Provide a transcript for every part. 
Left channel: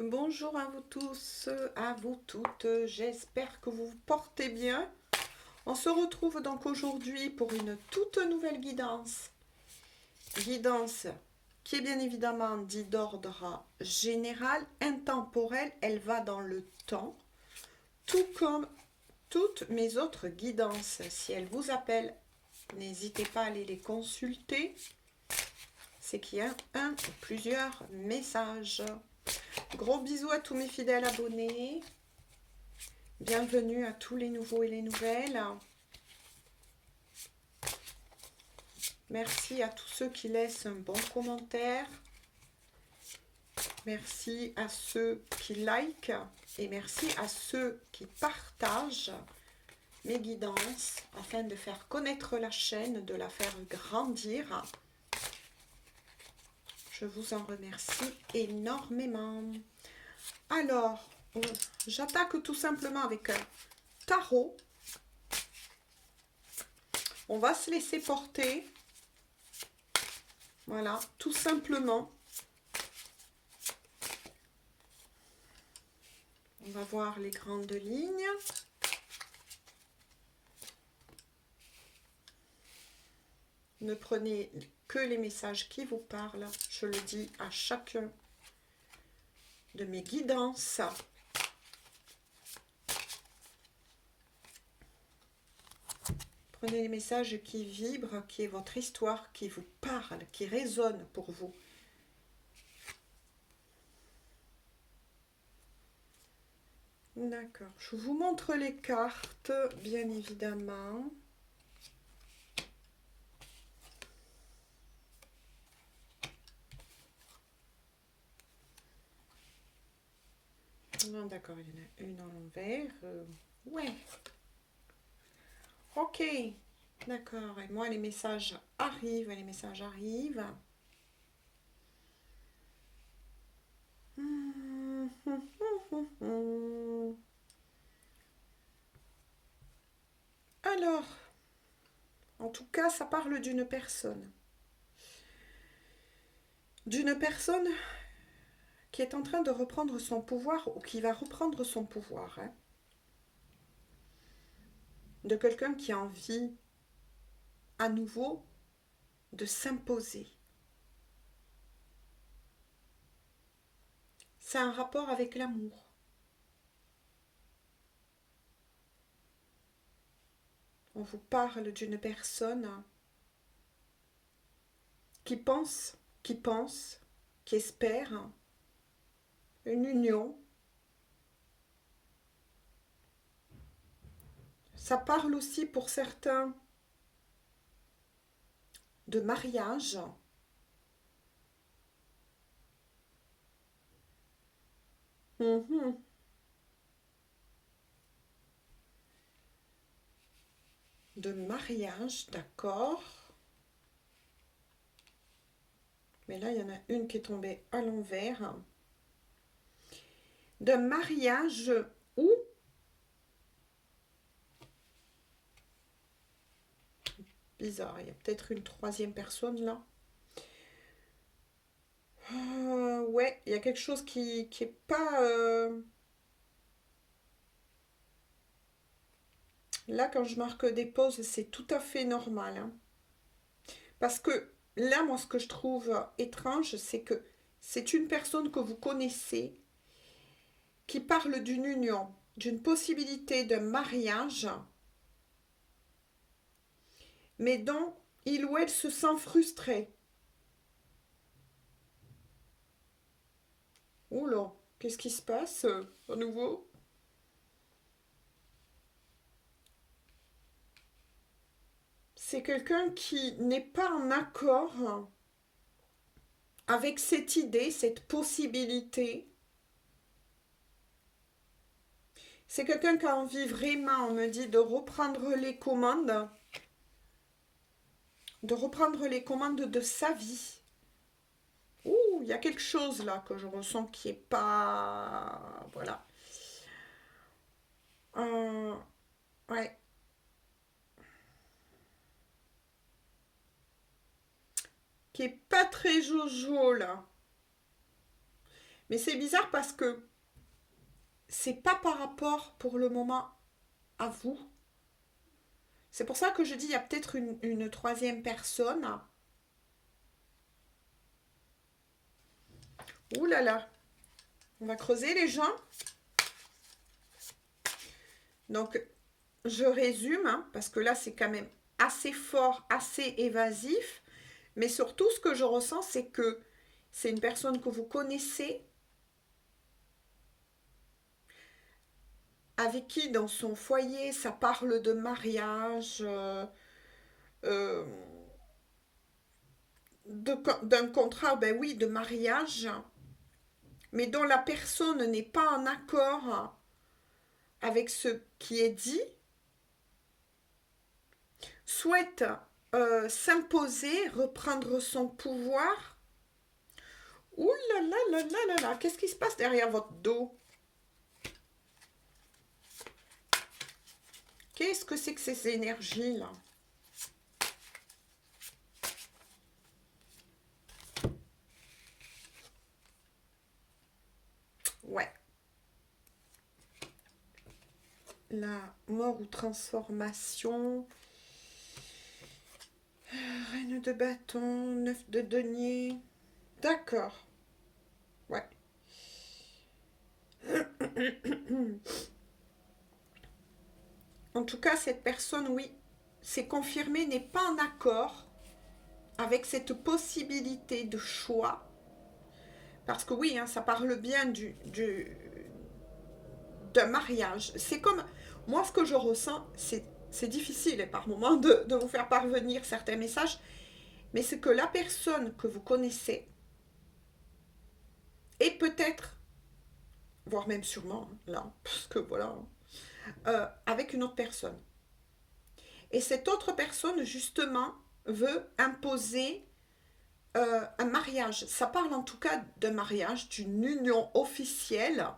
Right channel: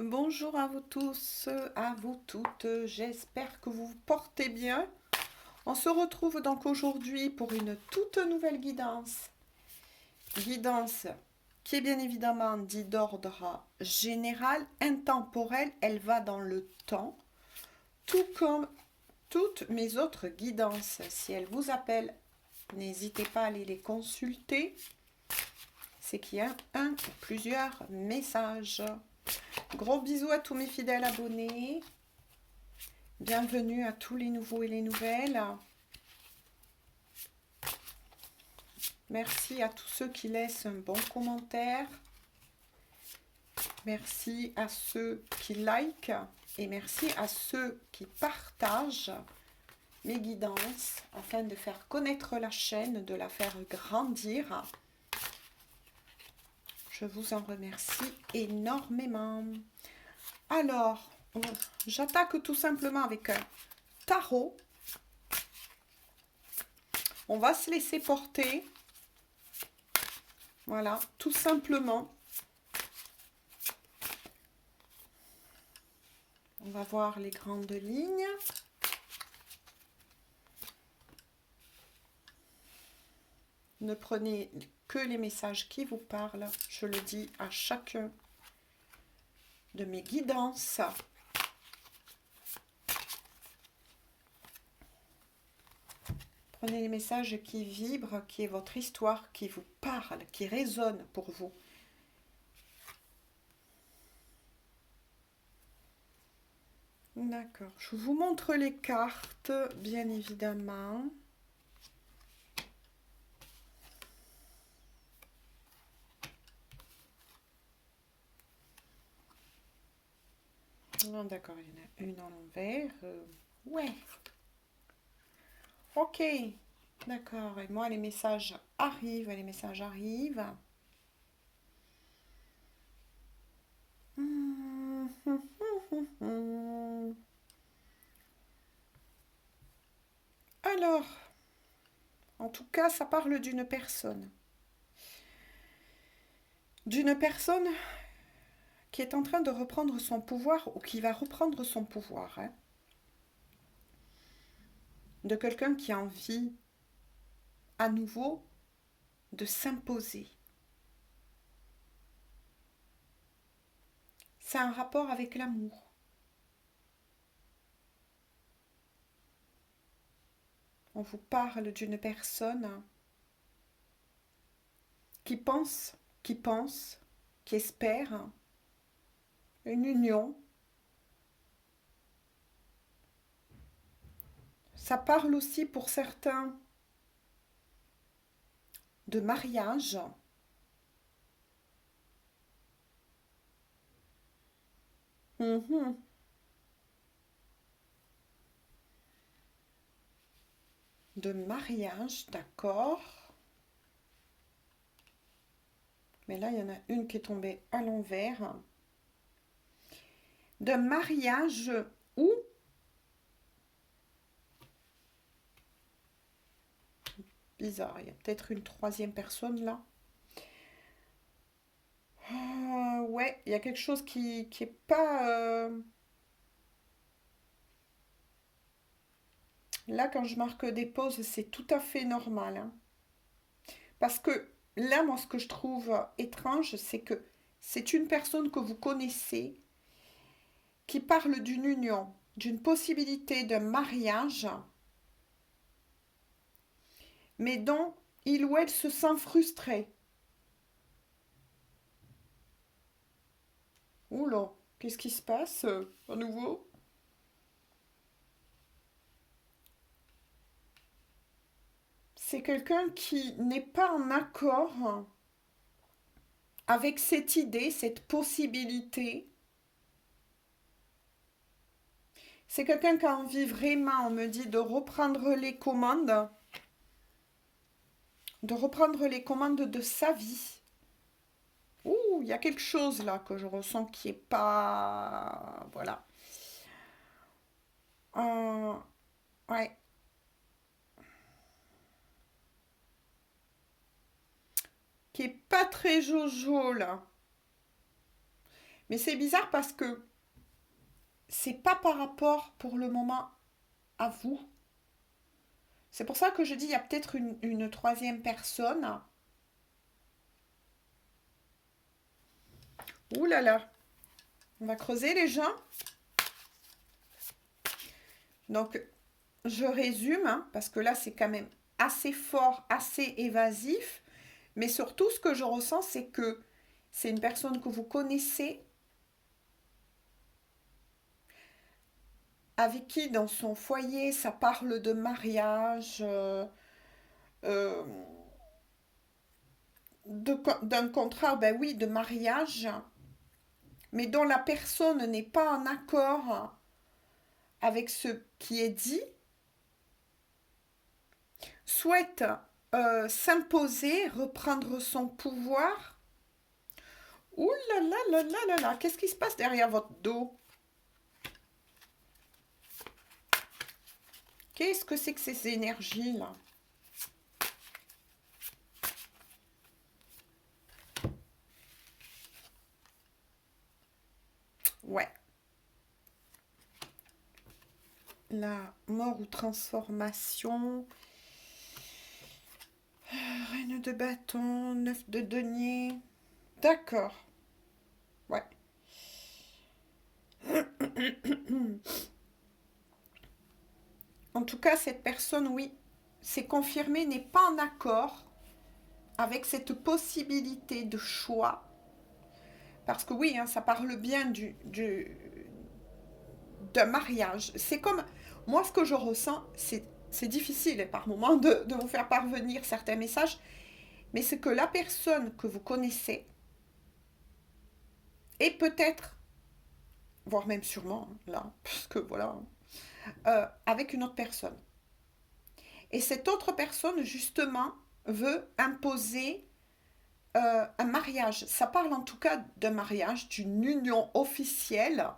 Bonjour à vous tous, à vous toutes, j'espère que vous vous portez bien. On se retrouve donc aujourd'hui pour une toute nouvelle guidance. Guidance qui est bien évidemment dit d'ordre général, intemporel, elle va dans le temps, tout comme toutes mes autres guidances. Si elles vous appellent, n'hésitez pas à aller les consulter. C'est qu'il y a un ou plusieurs messages. Gros bisous à tous mes fidèles abonnés. Bienvenue à tous les nouveaux et les nouvelles. Merci à tous ceux qui laissent un bon commentaire. Merci à ceux qui like et merci à ceux qui partagent mes guidances afin de faire connaître la chaîne, de la faire grandir. Je vous en remercie énormément. Alors, j'attaque tout simplement avec un tarot. On va se laisser porter. Voilà, tout simplement. On va voir les grandes lignes. Ne prenez que les messages qui vous parlent. Je le dis à chacun de mes guidances. Prenez les messages qui vibrent, qui est votre histoire, qui vous parle, qui résonne pour vous. D'accord. Je vous montre les cartes, bien évidemment. Non, d'accord, il y en a une à l'envers. Ouais. Ok. D'accord. Et moi, les messages arrivent, les messages arrivent. Alors, en tout cas, ça parle d'une personne. D'une personne qui est en train de reprendre son pouvoir ou qui va reprendre son pouvoir. Hein. De quelqu'un qui a envie à nouveau de s'imposer. C'est un rapport avec l'amour. On vous parle d'une personne qui pense, qui espère une union. Ça parle aussi pour certains de mariage. Mhm. De mariage, d'accord. Mais là, il y en a une qui est tombée à l'envers. De mariage ou bizarre, il y a peut-être une troisième personne là. Ouais, il y a quelque chose qui est pas... Là, quand je marque des pauses, c'est tout à fait normal. Hein. Parce que là, moi, ce que je trouve étrange, c'est que c'est une personne que vous connaissez qui parle d'une union, d'une possibilité de mariage, mais dont il ou elle se sent frustré. Oula, qu'est-ce qui se passe à nouveau? C'est quelqu'un qui n'est pas en accord avec cette idée, cette possibilité. C'est quelqu'un qui a envie vraiment, on me dit, de reprendre les commandes de sa vie. Ouh, il y a quelque chose là que je ressens qui est pas... Voilà. Euh, ouais. Qui est pas très jojo là. Mais c'est bizarre parce que c'est pas par rapport pour le moment à vous. C'est pour ça que je dis il y a peut-être une troisième personne. Ouh là là. On va creuser les gens. Donc, je résume, hein, parce que là, c'est quand même assez fort, assez évasif. Mais surtout, ce que je ressens, c'est que c'est une personne que vous connaissez, avec qui, dans son foyer, ça parle de mariage, euh, d'un contrat, ben oui, de mariage, mais dont la personne n'est pas en accord avec ce qui est dit, souhaite s'imposer, reprendre son pouvoir. Ouh là là là là là là, qu'est-ce qui se passe derrière votre dos? Qu'est-ce que c'est que ces énergies-là? Ouais. La mort ou transformation. Reine de bâton, 9 de denier. D'accord. Ouais. En tout cas, cette personne, oui, c'est confirmé, n'est pas en accord avec cette possibilité de choix. Parce que oui, hein, ça parle bien d'un mariage. C'est comme, moi ce que je ressens, c'est difficile par moment de vous faire parvenir certains messages, mais c'est que la personne que vous connaissez, et peut-être, voire même sûrement, là, parce que voilà, avec une autre personne. Et cette autre personne, justement, veut imposer un mariage. Ça parle en tout cas d'un mariage, d'une union officielle.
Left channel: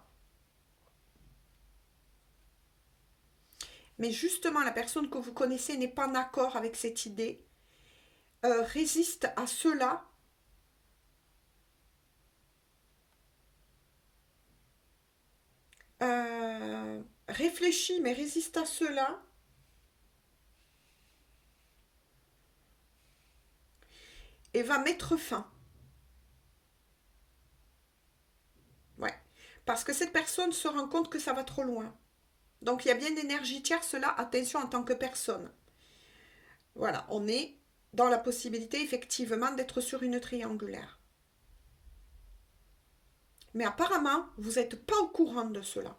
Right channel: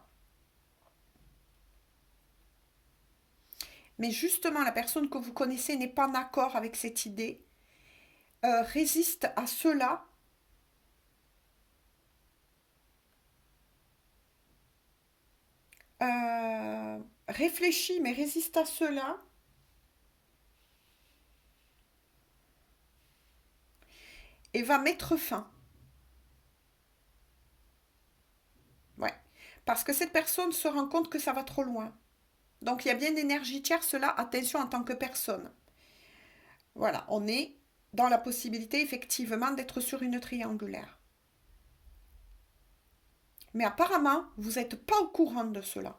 Mais justement, la personne que vous connaissez n'est pas en accord avec cette idée, résiste à cela. Réfléchit, mais résiste à cela. Et va mettre fin. Ouais. Parce que cette personne se rend compte que ça va trop loin. Donc il y a bien une énergie tierce là, attention en tant que personne. Voilà, on est dans la possibilité effectivement d'être sur une triangulaire. Mais apparemment, vous n'êtes pas au courant de cela.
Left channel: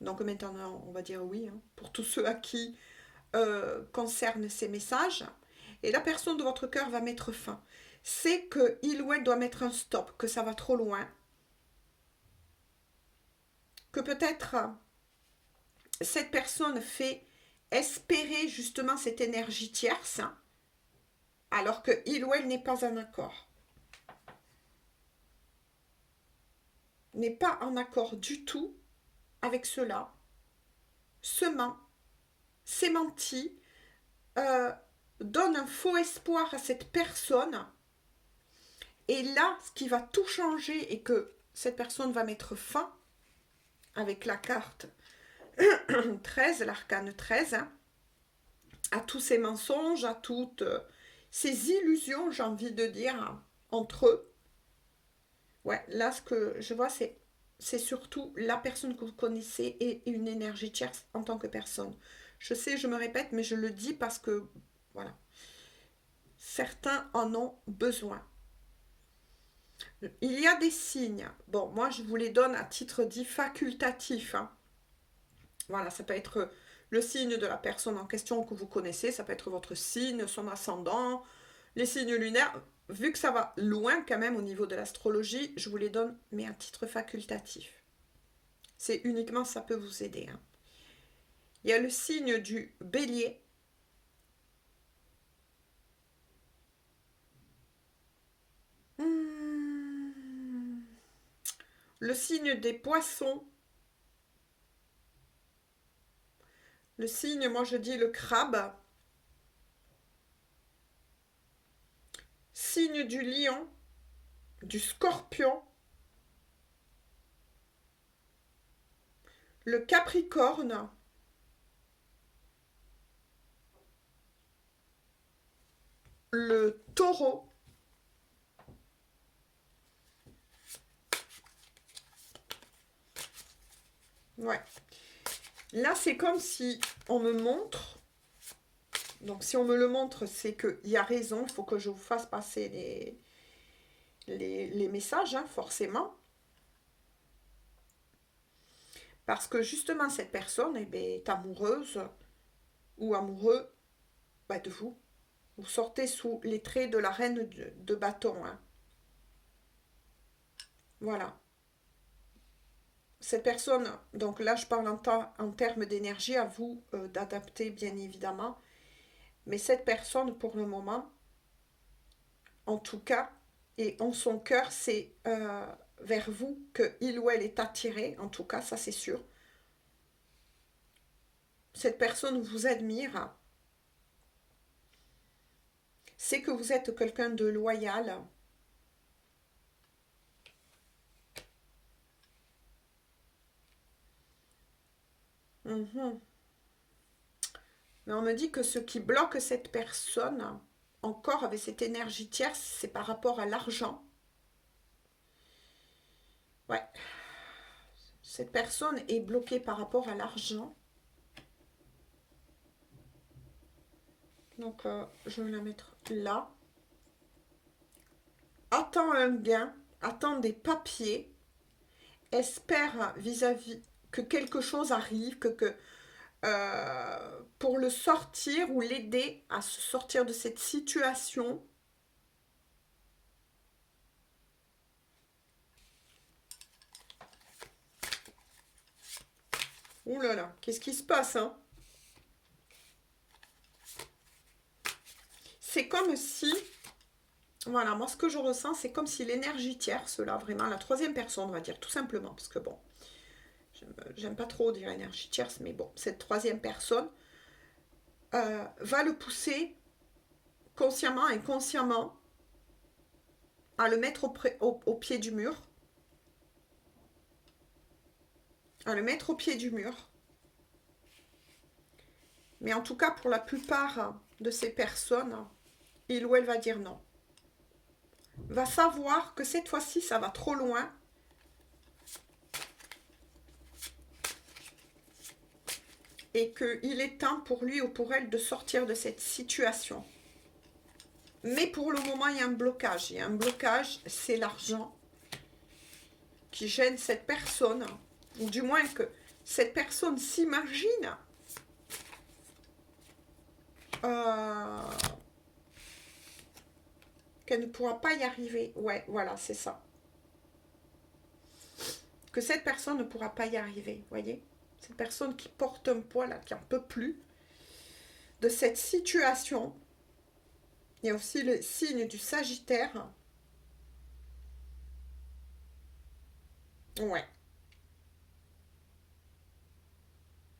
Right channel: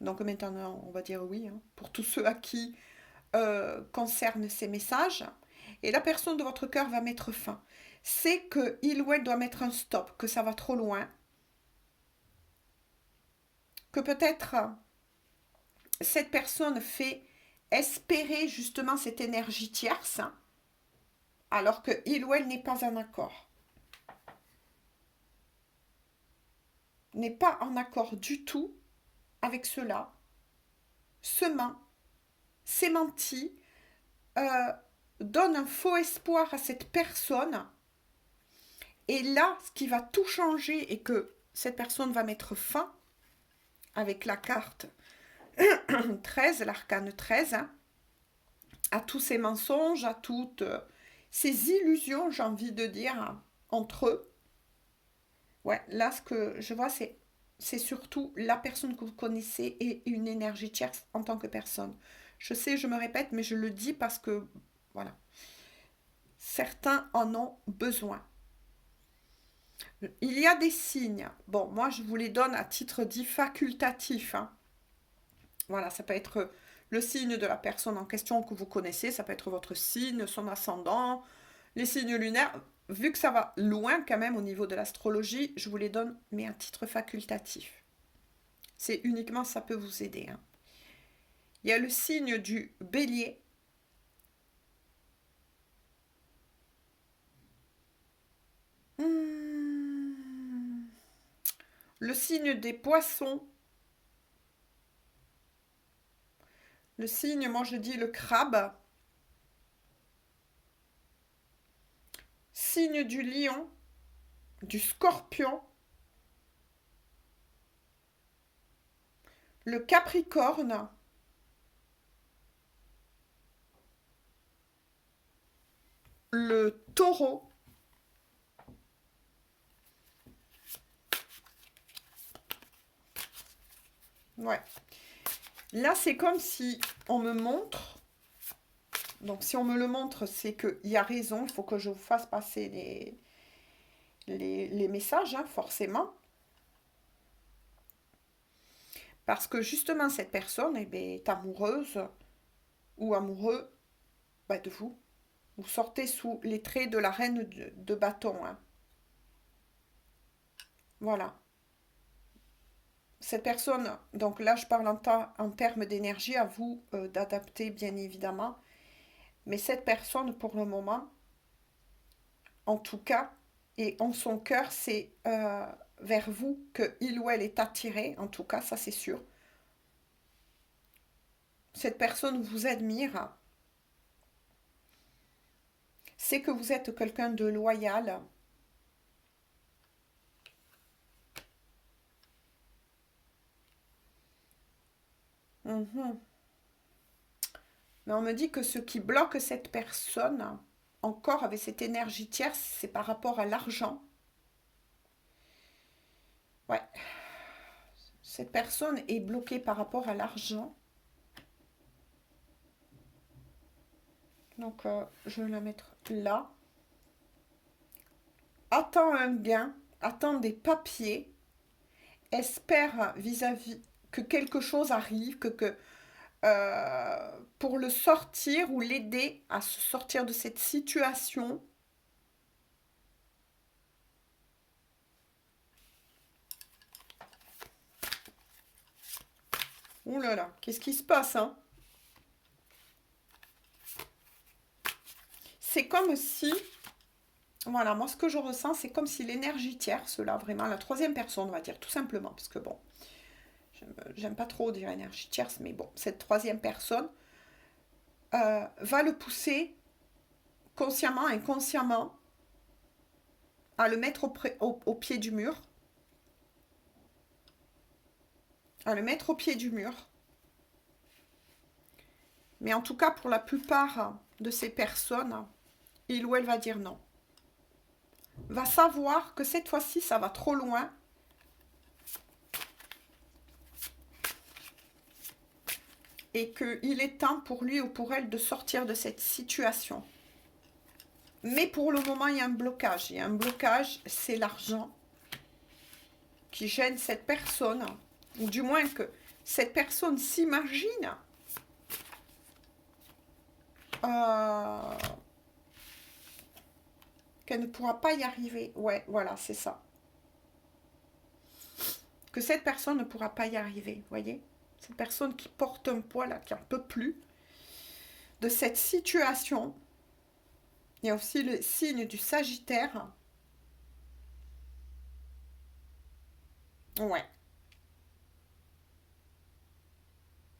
Donc maintenant, on va dire oui, hein, pour tous ceux à qui concernent ces messages. Et la personne de votre cœur va mettre fin. C'est qu'il ou elle doit mettre un stop, que ça va trop loin. Que peut-être cette personne fait espérer justement cette énergie tierce, hein, alors que il ou elle n'est pas en accord. N'est pas en accord du tout avec cela, se ment, s'est menti, donne un faux espoir à cette personne. Et là, ce qui va tout changer et que cette personne va mettre fin avec la carte 13, l'arcane 13, hein, à tous ces mensonges, à toutes ces illusions, j'ai envie de dire, entre eux. Ouais, là, ce que je vois, c'est surtout la personne que vous connaissez et une énergie tierce en tant que personne. Je sais, je me répète, mais je le dis parce que, voilà, certains en ont besoin. Il y a des signes. Bon, moi, je vous les donne à titre dit facultatif, hein. Voilà, ça peut être le signe de la personne en question que vous connaissez, ça peut être votre signe, son ascendant, les signes lunaires. Vu que ça va loin quand même au niveau de l'astrologie, je vous les donne, mais à titre facultatif. C'est uniquement ça peut vous aider, hein. Il y a le signe du bélier. Le signe des poissons. Le signe, moi je dis le crabe. Signe du lion, du scorpion le Capricorne, le Taureau, ouais. Là, c'est comme si on me montre, donc si on me le montre, c'est qu'il y a raison, il faut que je vous fasse passer les messages, hein, forcément. Parce que justement, cette personne eh bien, est amoureuse ou amoureux bah, de vous. Vous sortez sous les traits de la reine de bâton. Hein. Voilà. Cette personne, donc là je parle en termes d'énergie, à vous d'adapter bien évidemment. Mais cette personne, pour le moment, en tout cas, et en son cœur, c'est vers vous que il ou elle est attiré, en tout cas, ça c'est sûr. Cette personne vous admire, c'est que vous êtes quelqu'un de loyal. Mhm. Mais on me dit que ce qui bloque cette personne, encore avec cette énergie tierce, c'est par rapport à l'argent. Ouais, cette personne est bloquée par rapport à l'argent. Donc, je vais la mettre là. Attends un gain, attend des papiers, espère vis-à-vis que quelque chose arrive, pour le sortir ou l'aider à se sortir de cette situation. Ouh là là, qu'est-ce qui se passe, hein? C'est comme si, voilà, moi ce que je ressens, c'est comme si l'énergie tierce, là, vraiment, la troisième personne, on va dire, tout simplement, parce que bon, j'aime pas trop dire énergie tierce, mais bon, cette troisième personne va le pousser consciemment et inconsciemment à le mettre au pied du mur. À le mettre au pied du mur. Mais en tout cas, pour la plupart de ces personnes, il ou elle va dire non. Va savoir que cette fois-ci, ça va trop loin. Et qu'il est temps pour lui ou pour elle de sortir de cette situation. Mais pour le moment, il y a un blocage. Il y a un blocage, c'est l'argent qui gêne cette personne. Ou du moins que cette personne s'imagine qu'elle ne pourra pas y arriver. Ouais, voilà, c'est ça. Que cette personne ne pourra pas y arriver, vous voyez? Cette personne qui porte un poids, là, qui n'en peut plus de cette situation. Il y a aussi le signe du Sagittaire. Ouais.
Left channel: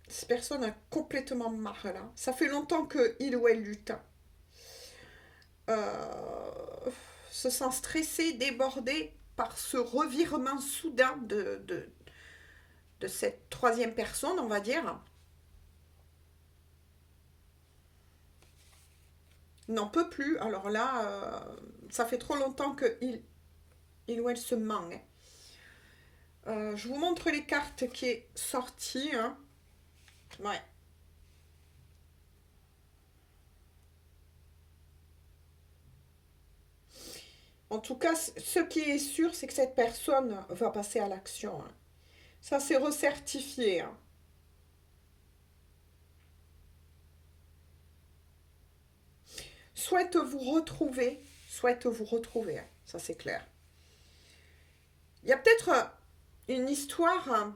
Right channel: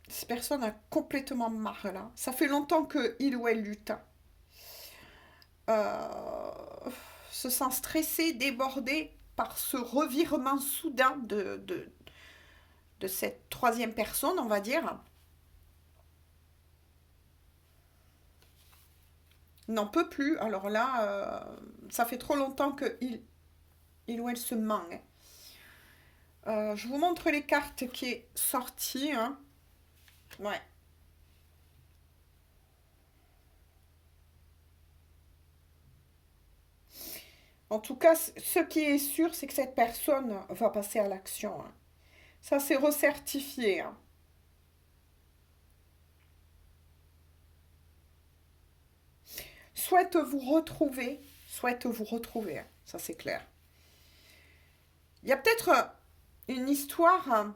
Cette personne a complètement marre, là. Ça fait longtemps qu'il ou elle lutte. Se sent stressé, débordé par ce revirement soudain de cette troisième personne, on va dire. N'en peut plus. Alors là, ça fait trop longtemps il ou elle se ment. Je vous montre les cartes qui est sorties. Hein. Ouais. En tout cas, ce qui est sûr, c'est que cette personne va passer à l'action. Hein. Ça, c'est recertifié. Hein. Souhaite vous retrouver. Souhaite vous retrouver. Hein. Ça, c'est clair. Il y a peut-être une histoire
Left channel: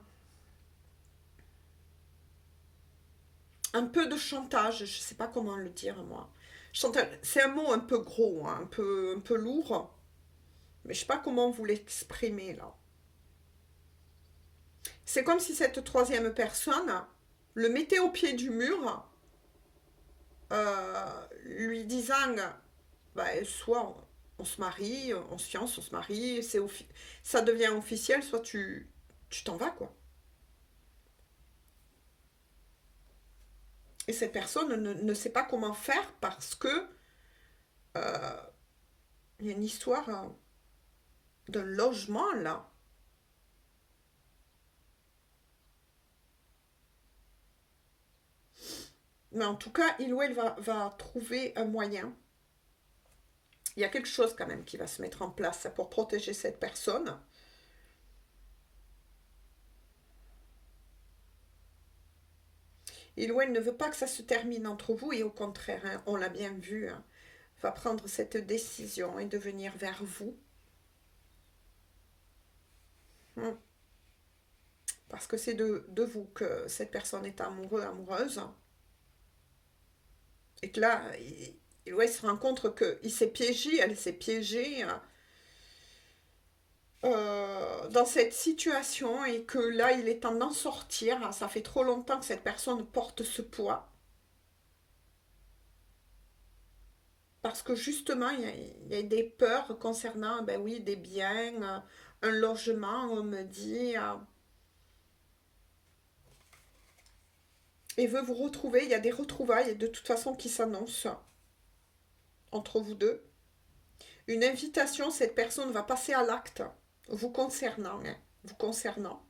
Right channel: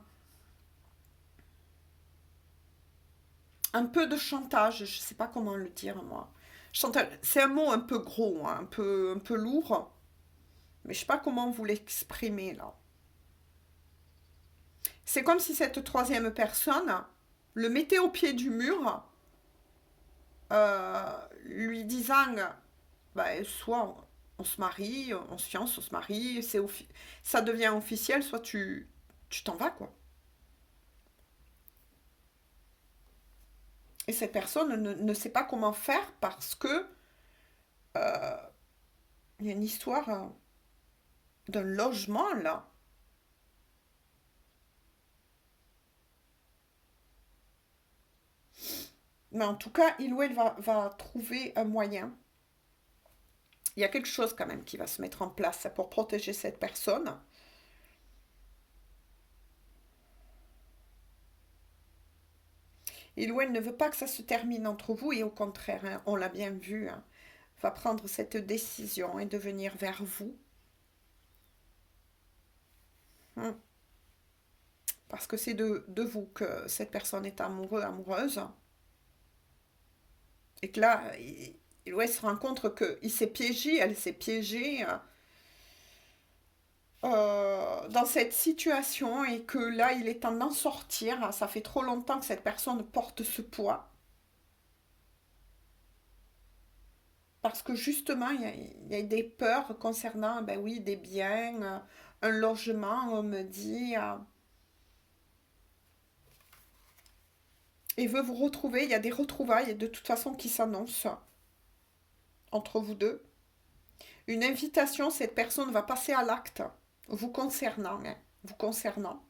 un peu de chantage. Je ne sais pas comment le dire, moi. Chantage, c'est un mot un peu gros, hein, un peu lourd. Mais je ne sais pas comment vous l'exprimer, là. C'est comme si cette troisième personne le mettait au pied du mur, lui disant bah, soit on se marie, on se fiance, on se marie, ça devient officiel, soit tu t'en vas, quoi. Et cette personne ne sait pas comment faire parce que il y a une histoire d'un logement là. Mais en tout cas, il ou elle va trouver un moyen. Il y a quelque chose quand même qui va se mettre en place pour protéger cette personne. Il ou elle ne veut pas que ça se termine entre vous et au contraire, hein, on l'a bien vu, hein, va prendre cette décision et de venir vers vous. Parce que c'est de vous que cette personne est amoureux, amoureuse. Et que là, il se rend compte qu'il s'est piégé, elle s'est piégée dans cette situation et que là, il est temps d'en sortir. Ça fait trop longtemps que cette personne porte ce poids. Parce que justement, il y a des peurs concernant, ben oui, des biens, un logement, on me dit. Et veut vous retrouver, il y a des retrouvailles de toute façon qui s'annoncent entre vous deux. Une invitation, cette personne va passer à l'acte, vous concernant, hein, vous concernant.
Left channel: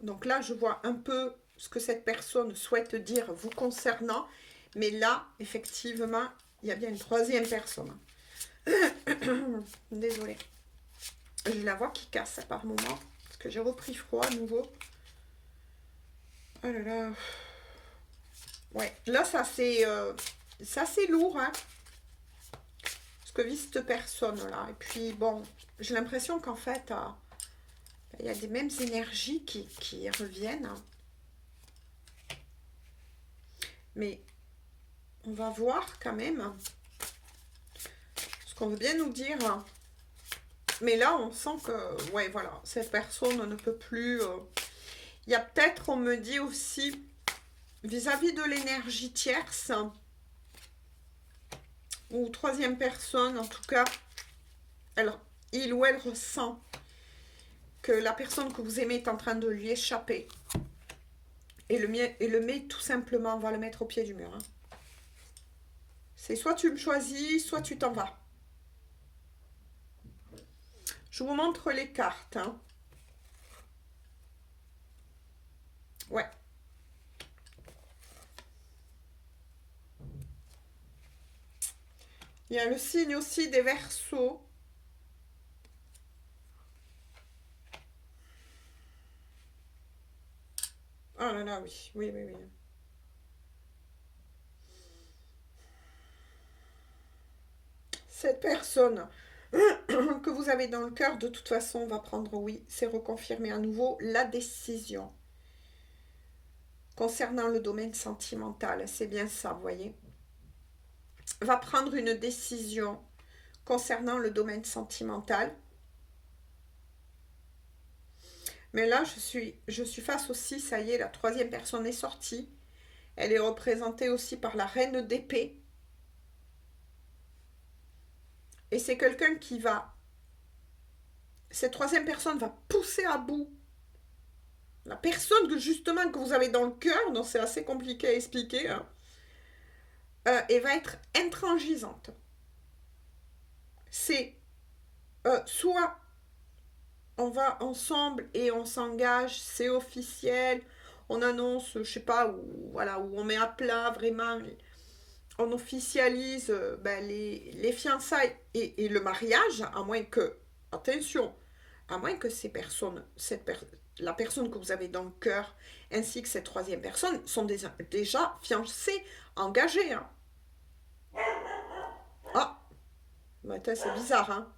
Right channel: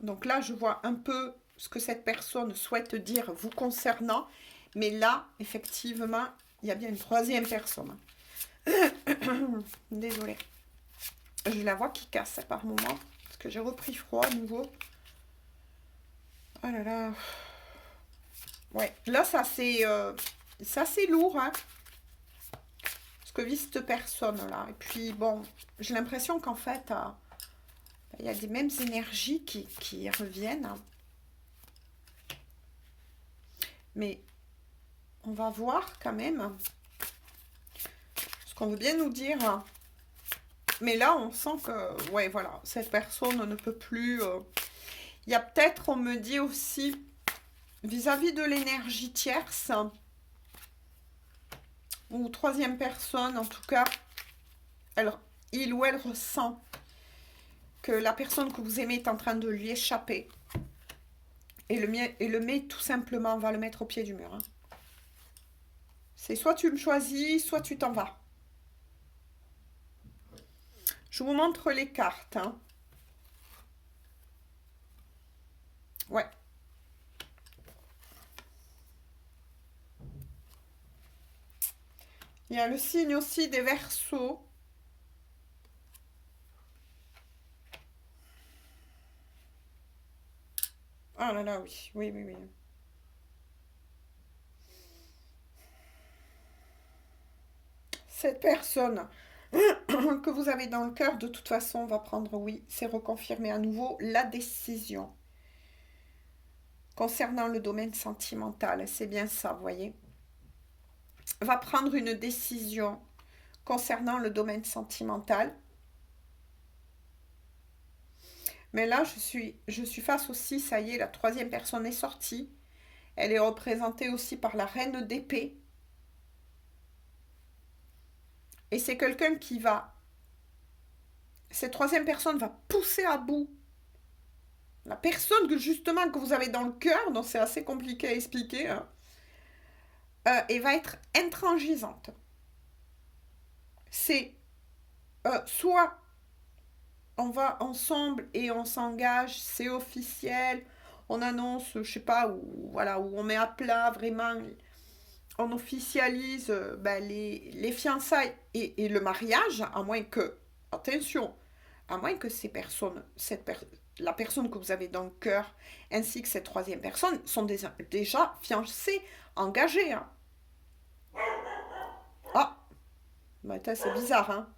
Donc là, je vois un peu ce que cette personne souhaite dire vous concernant, mais là, effectivement, il y a bien une troisième personne. Désolée. J'ai la voix qui casse par moment, parce que j'ai repris froid à nouveau. Oh là là. Ouais, là, ça c'est lourd, hein, ce que vit cette personne-là. Et puis, bon, j'ai l'impression qu'en fait, il y a des mêmes énergies qui reviennent. Mais on va voir quand même ce qu'on veut bien nous dire. Mais là, on sent que, ouais, voilà, cette personne ne peut plus. Il y a peut-être, on me dit aussi, vis-à-vis de l'énergie tierce, ou troisième personne, en tout cas, il ou elle ressent que la personne que vous aimez est en train de lui échapper. Et le met tout simplement, va le mettre au pied du mur. Hein. C'est soit tu me choisis, soit tu t'en vas. Je vous montre les cartes. Hein. Ouais. Il y a le signe aussi des Verseaux. Oh là là, oui, oui, oui, oui. Cette personne que vous avez dans le cœur, de toute façon, va prendre, oui, c'est reconfirmer à nouveau la décision. Concernant le domaine sentimental, c'est bien ça, vous voyez. Va prendre une décision concernant le domaine sentimental. Mais là, je suis face aussi, ça y est, la troisième personne est sortie. Elle est représentée aussi par la reine d'épée. Et c'est quelqu'un qui va... Cette troisième personne va pousser à bout la personne que justement que vous avez dans le cœur, donc c'est assez compliqué à expliquer, hein, et va être intransigeante. C'est soit on va ensemble et on s'engage, c'est officiel, on annonce, je sais pas, où, voilà, où on met à plat vraiment, on officialise les fiançailles et le mariage, à moins que, attention, à moins que ces personnes, la personne que vous avez dans le cœur, ainsi que cette troisième personne, sont déjà fiancés, engagés. Hein. Ah, bah, c'est bizarre, hein.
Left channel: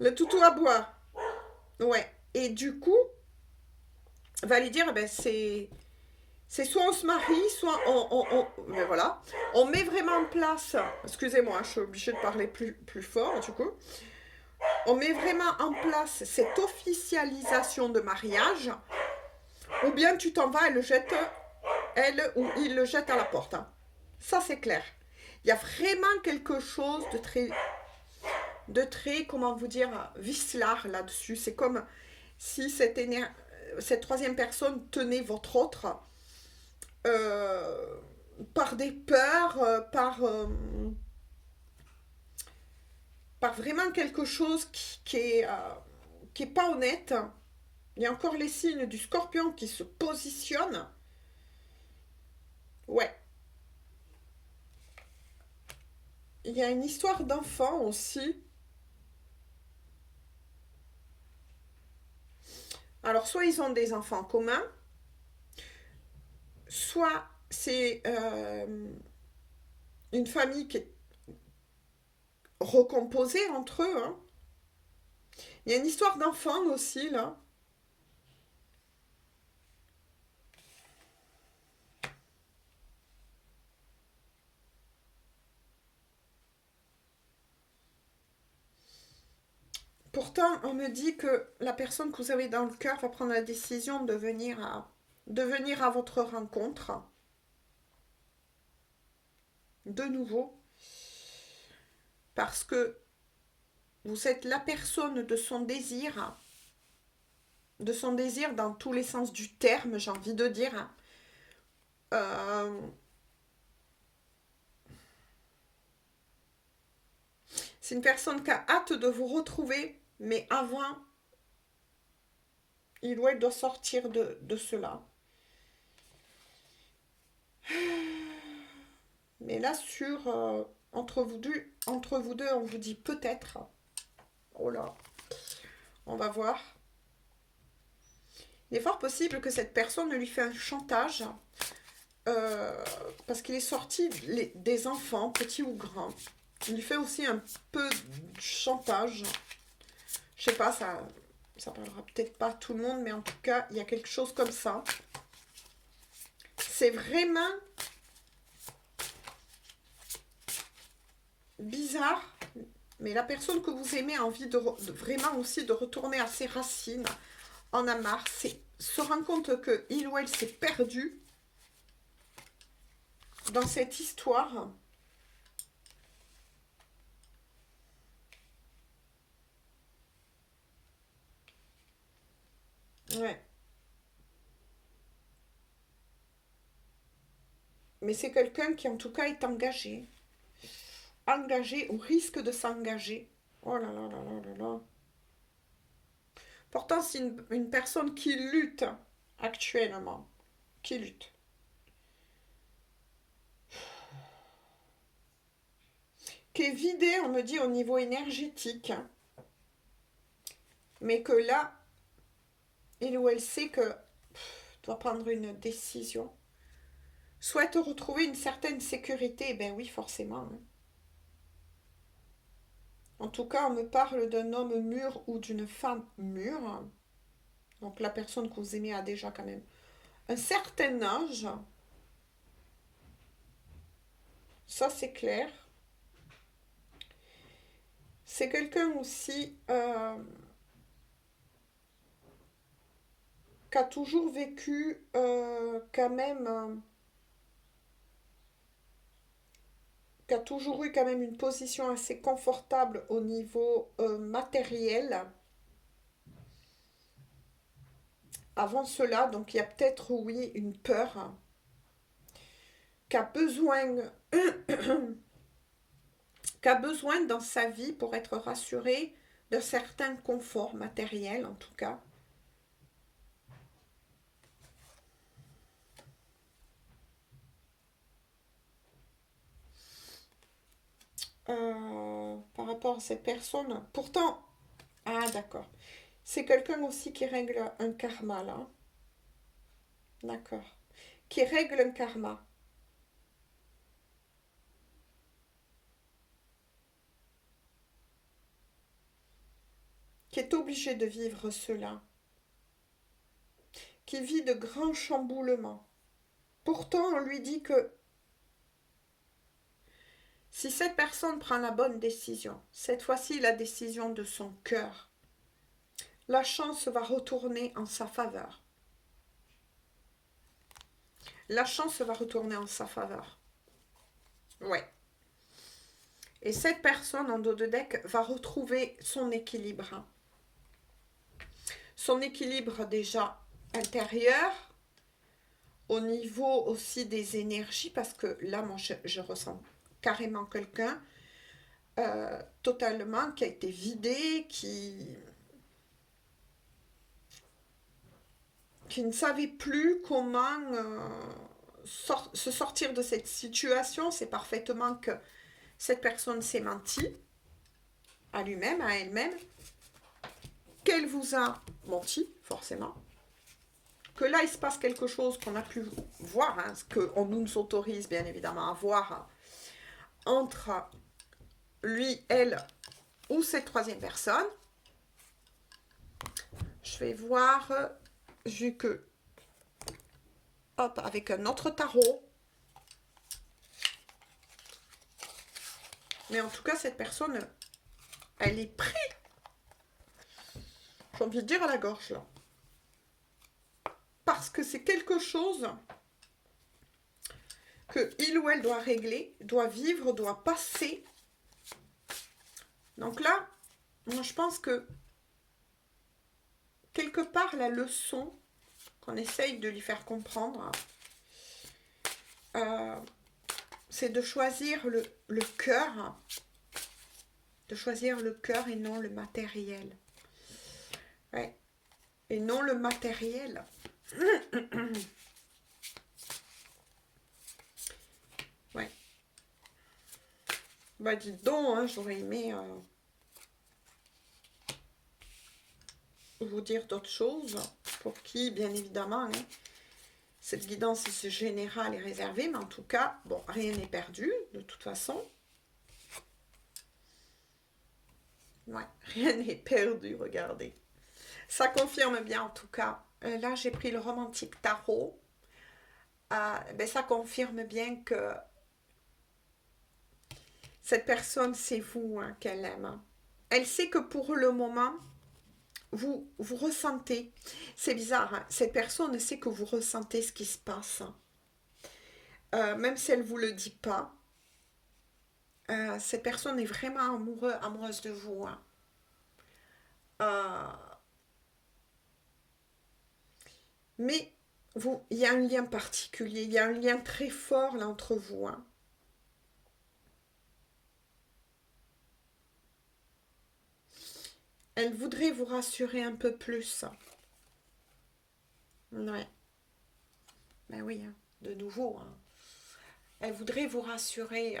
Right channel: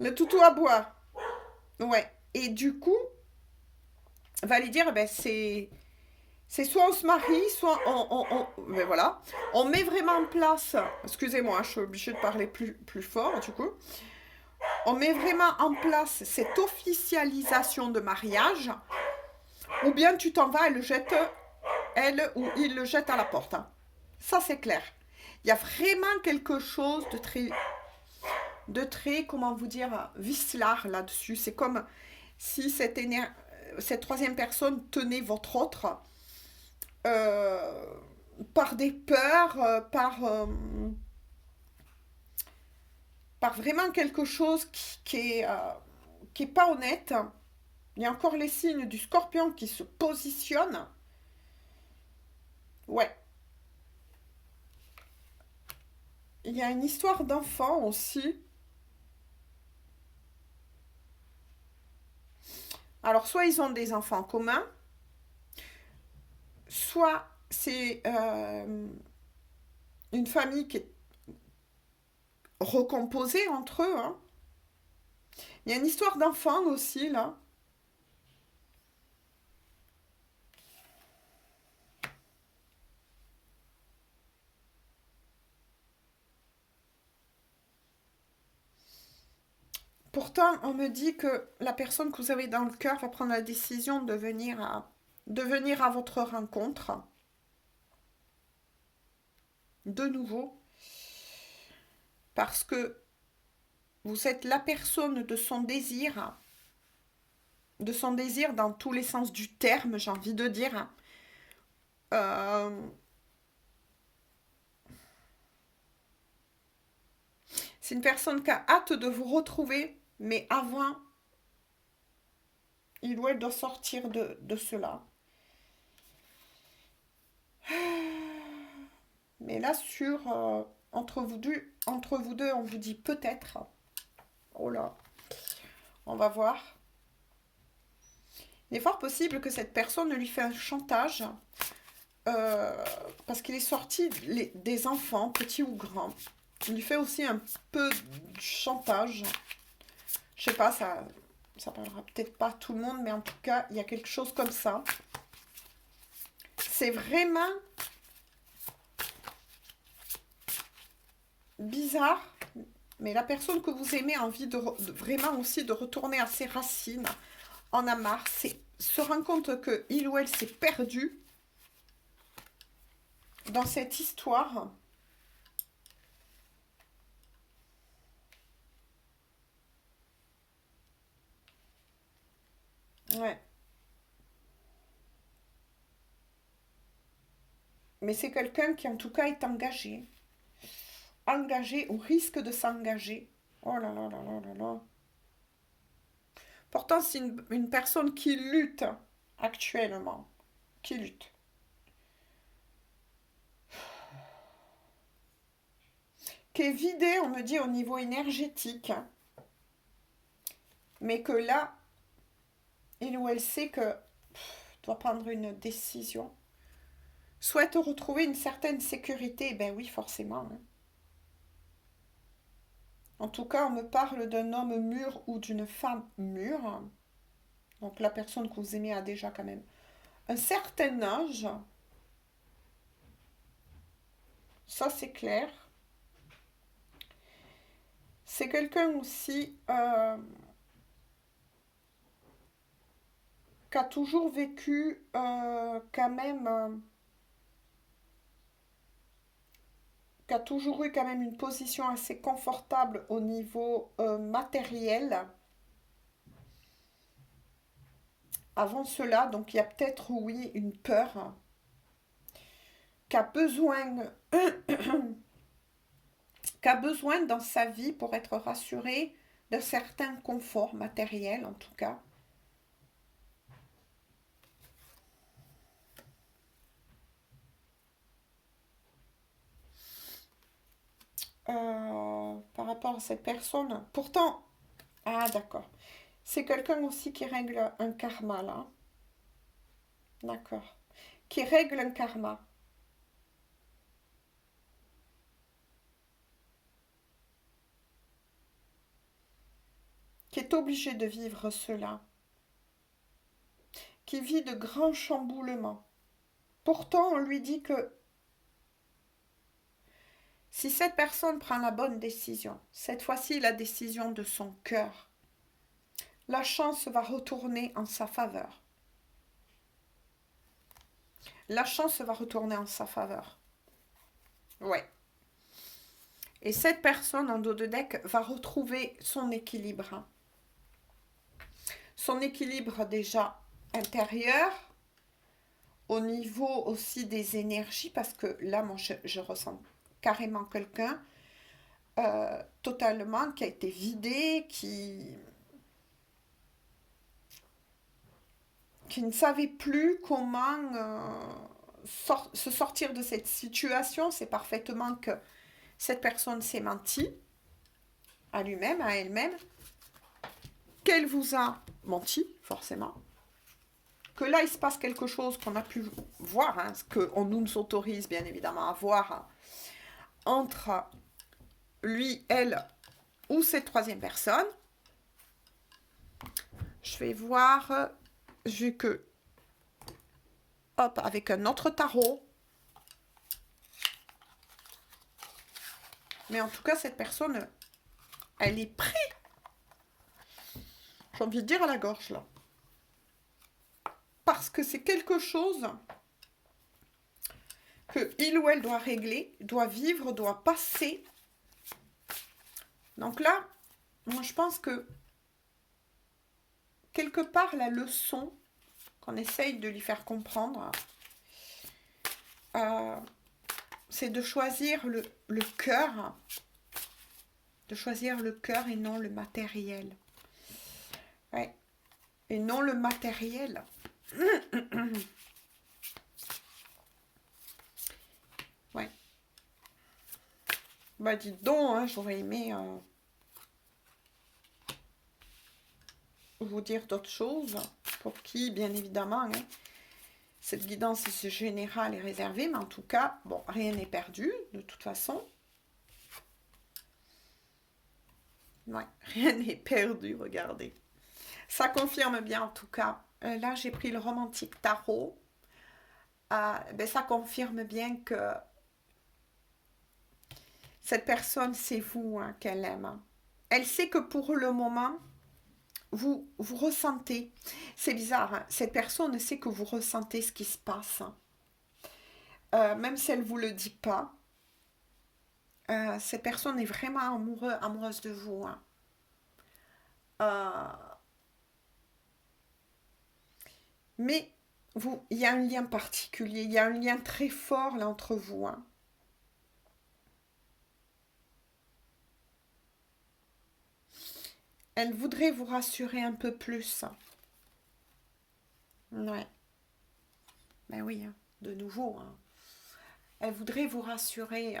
Le toutou à bois. Ouais. Et du coup, va lui dire, ben c'est soit on se marie, soit ben voilà. On met vraiment en place, excusez-moi, je suis obligée de parler plus fort du coup. On met vraiment en place cette officialisation de mariage, ou bien tu t'en vas et le jette, elle ou il le jette à la porte. Hein. Ça c'est clair. Il y a vraiment quelque chose de très... de traits, comment vous dire, vicelard là-dessus. C'est comme si cette troisième personne tenait votre autre euh, par des peurs, par vraiment quelque chose qui est pas honnête. Il y a encore les signes du scorpion qui se positionnent. Ouais. Il y a une histoire d'enfant aussi. Alors, soit ils ont des enfants communs, soit c'est une famille qui est recomposée entre eux. Hein. Il y a une histoire d'enfant aussi, là. Pourtant, on me dit que la personne que vous avez dans le cœur va prendre la décision de venir à votre rencontre. De nouveau. Parce que vous êtes la personne de son désir dans tous les sens du terme, j'ai envie de dire. Euh, c'est une personne qui a hâte de vous retrouver, mais avant, il ou elle doit sortir de cela. Mais là, entre vous deux, on vous dit peut-être. Oh là, on va voir. Il est fort possible que cette personne lui fait un chantage parce qu'il est sorti des enfants, petits ou grands. Il lui fait aussi un peu de chantage. Je sais pas, ça parlera peut-être pas à tout le monde, mais en tout cas, il y a quelque chose comme ça. C'est vraiment bizarre, mais la personne que vous aimez a envie vraiment aussi de retourner à ses racines, en a marre, se rend compte que il ou elle s'est perdu dans cette histoire. Ouais. Mais c'est quelqu'un qui en tout cas est engagé. Engagé ou risque de s'engager. Oh là là là là là là. Pourtant, c'est une personne qui lutte actuellement. Qui lutte. Qui est vidée, on me dit, au niveau énergétique. Mais que là, il ou elle sait que doit prendre une décision. Souhaite retrouver une certaine sécurité. Ben oui, forcément. Hein. En tout cas, on me parle d'un homme mûr ou d'une femme mûre. Donc la personne que vous aimez a déjà quand même un certain âge. Ça, c'est clair. C'est quelqu'un aussi qui a toujours vécu quand même, qui a toujours eu quand même une position assez confortable au niveau matériel. Avant cela, donc il y a peut-être, oui, une peur qui a besoin, qui a besoin dans sa vie pour être rassuré d'un certain confort matériel, en tout cas. Par rapport à cette personne. Pourtant, ah d'accord. C'est quelqu'un aussi qui règle un karma là. D'accord. Qui règle un karma. Qui est obligé de vivre cela. Qui vit de grands chamboulements. Pourtant, on lui dit que si cette personne prend la bonne décision, cette fois-ci la décision de son cœur, la chance va retourner en sa faveur. La chance va retourner en sa faveur. Ouais. Et cette personne en dos de deck va retrouver son équilibre. Son équilibre déjà intérieur, au niveau aussi des énergies, parce que là, moi, je ressens carrément quelqu'un totalement qui a été vidé, qui ne savait plus comment se sortir de cette situation. C'est parfaitement que cette personne s'est menti à lui-même, à elle-même, qu'elle vous a menti, forcément, que là, il se passe quelque chose qu'on a pu voir, hein, ce qu'on nous autorise bien évidemment à voir, hein, entre lui, elle ou cette troisième personne. Je vais voir, vu que, hop, avec un autre tarot. Mais en tout cas, cette personne, elle est prise, j'ai envie de dire, à la gorge, là. Parce que c'est quelque chose que il ou elle doit régler, doit vivre, doit passer. Donc là, moi, je pense que quelque part, la leçon qu'on essaye de lui faire comprendre, c'est de choisir le cœur, de choisir le cœur et non le matériel. Ouais. Et non le matériel. Ouais. Bah dites donc, hein, j'aurais aimé vous dire d'autres choses, pour qui, bien évidemment, hein, cette guidance générale est réservée, mais en tout cas, bon, rien n'est perdu, de toute façon. Ouais, rien n'est perdu, regardez. Ça confirme bien, en tout cas. Là, j'ai pris le romantique tarot. Ben, ça confirme bien que cette personne, c'est vous, hein, qu'elle aime. Hein. Elle sait que pour le moment, vous ressentez. C'est bizarre, hein, cette personne sait que vous ressentez ce qui se passe. Même si elle ne vous le dit pas. Cette personne est vraiment amoureuse de vous. Hein. Mais il y a un lien particulier, il y a un lien très fort là entre vous. Hein. Elle voudrait vous rassurer un peu plus. Ouais. Ben oui, hein, de nouveau. Hein. Elle voudrait vous rassurer.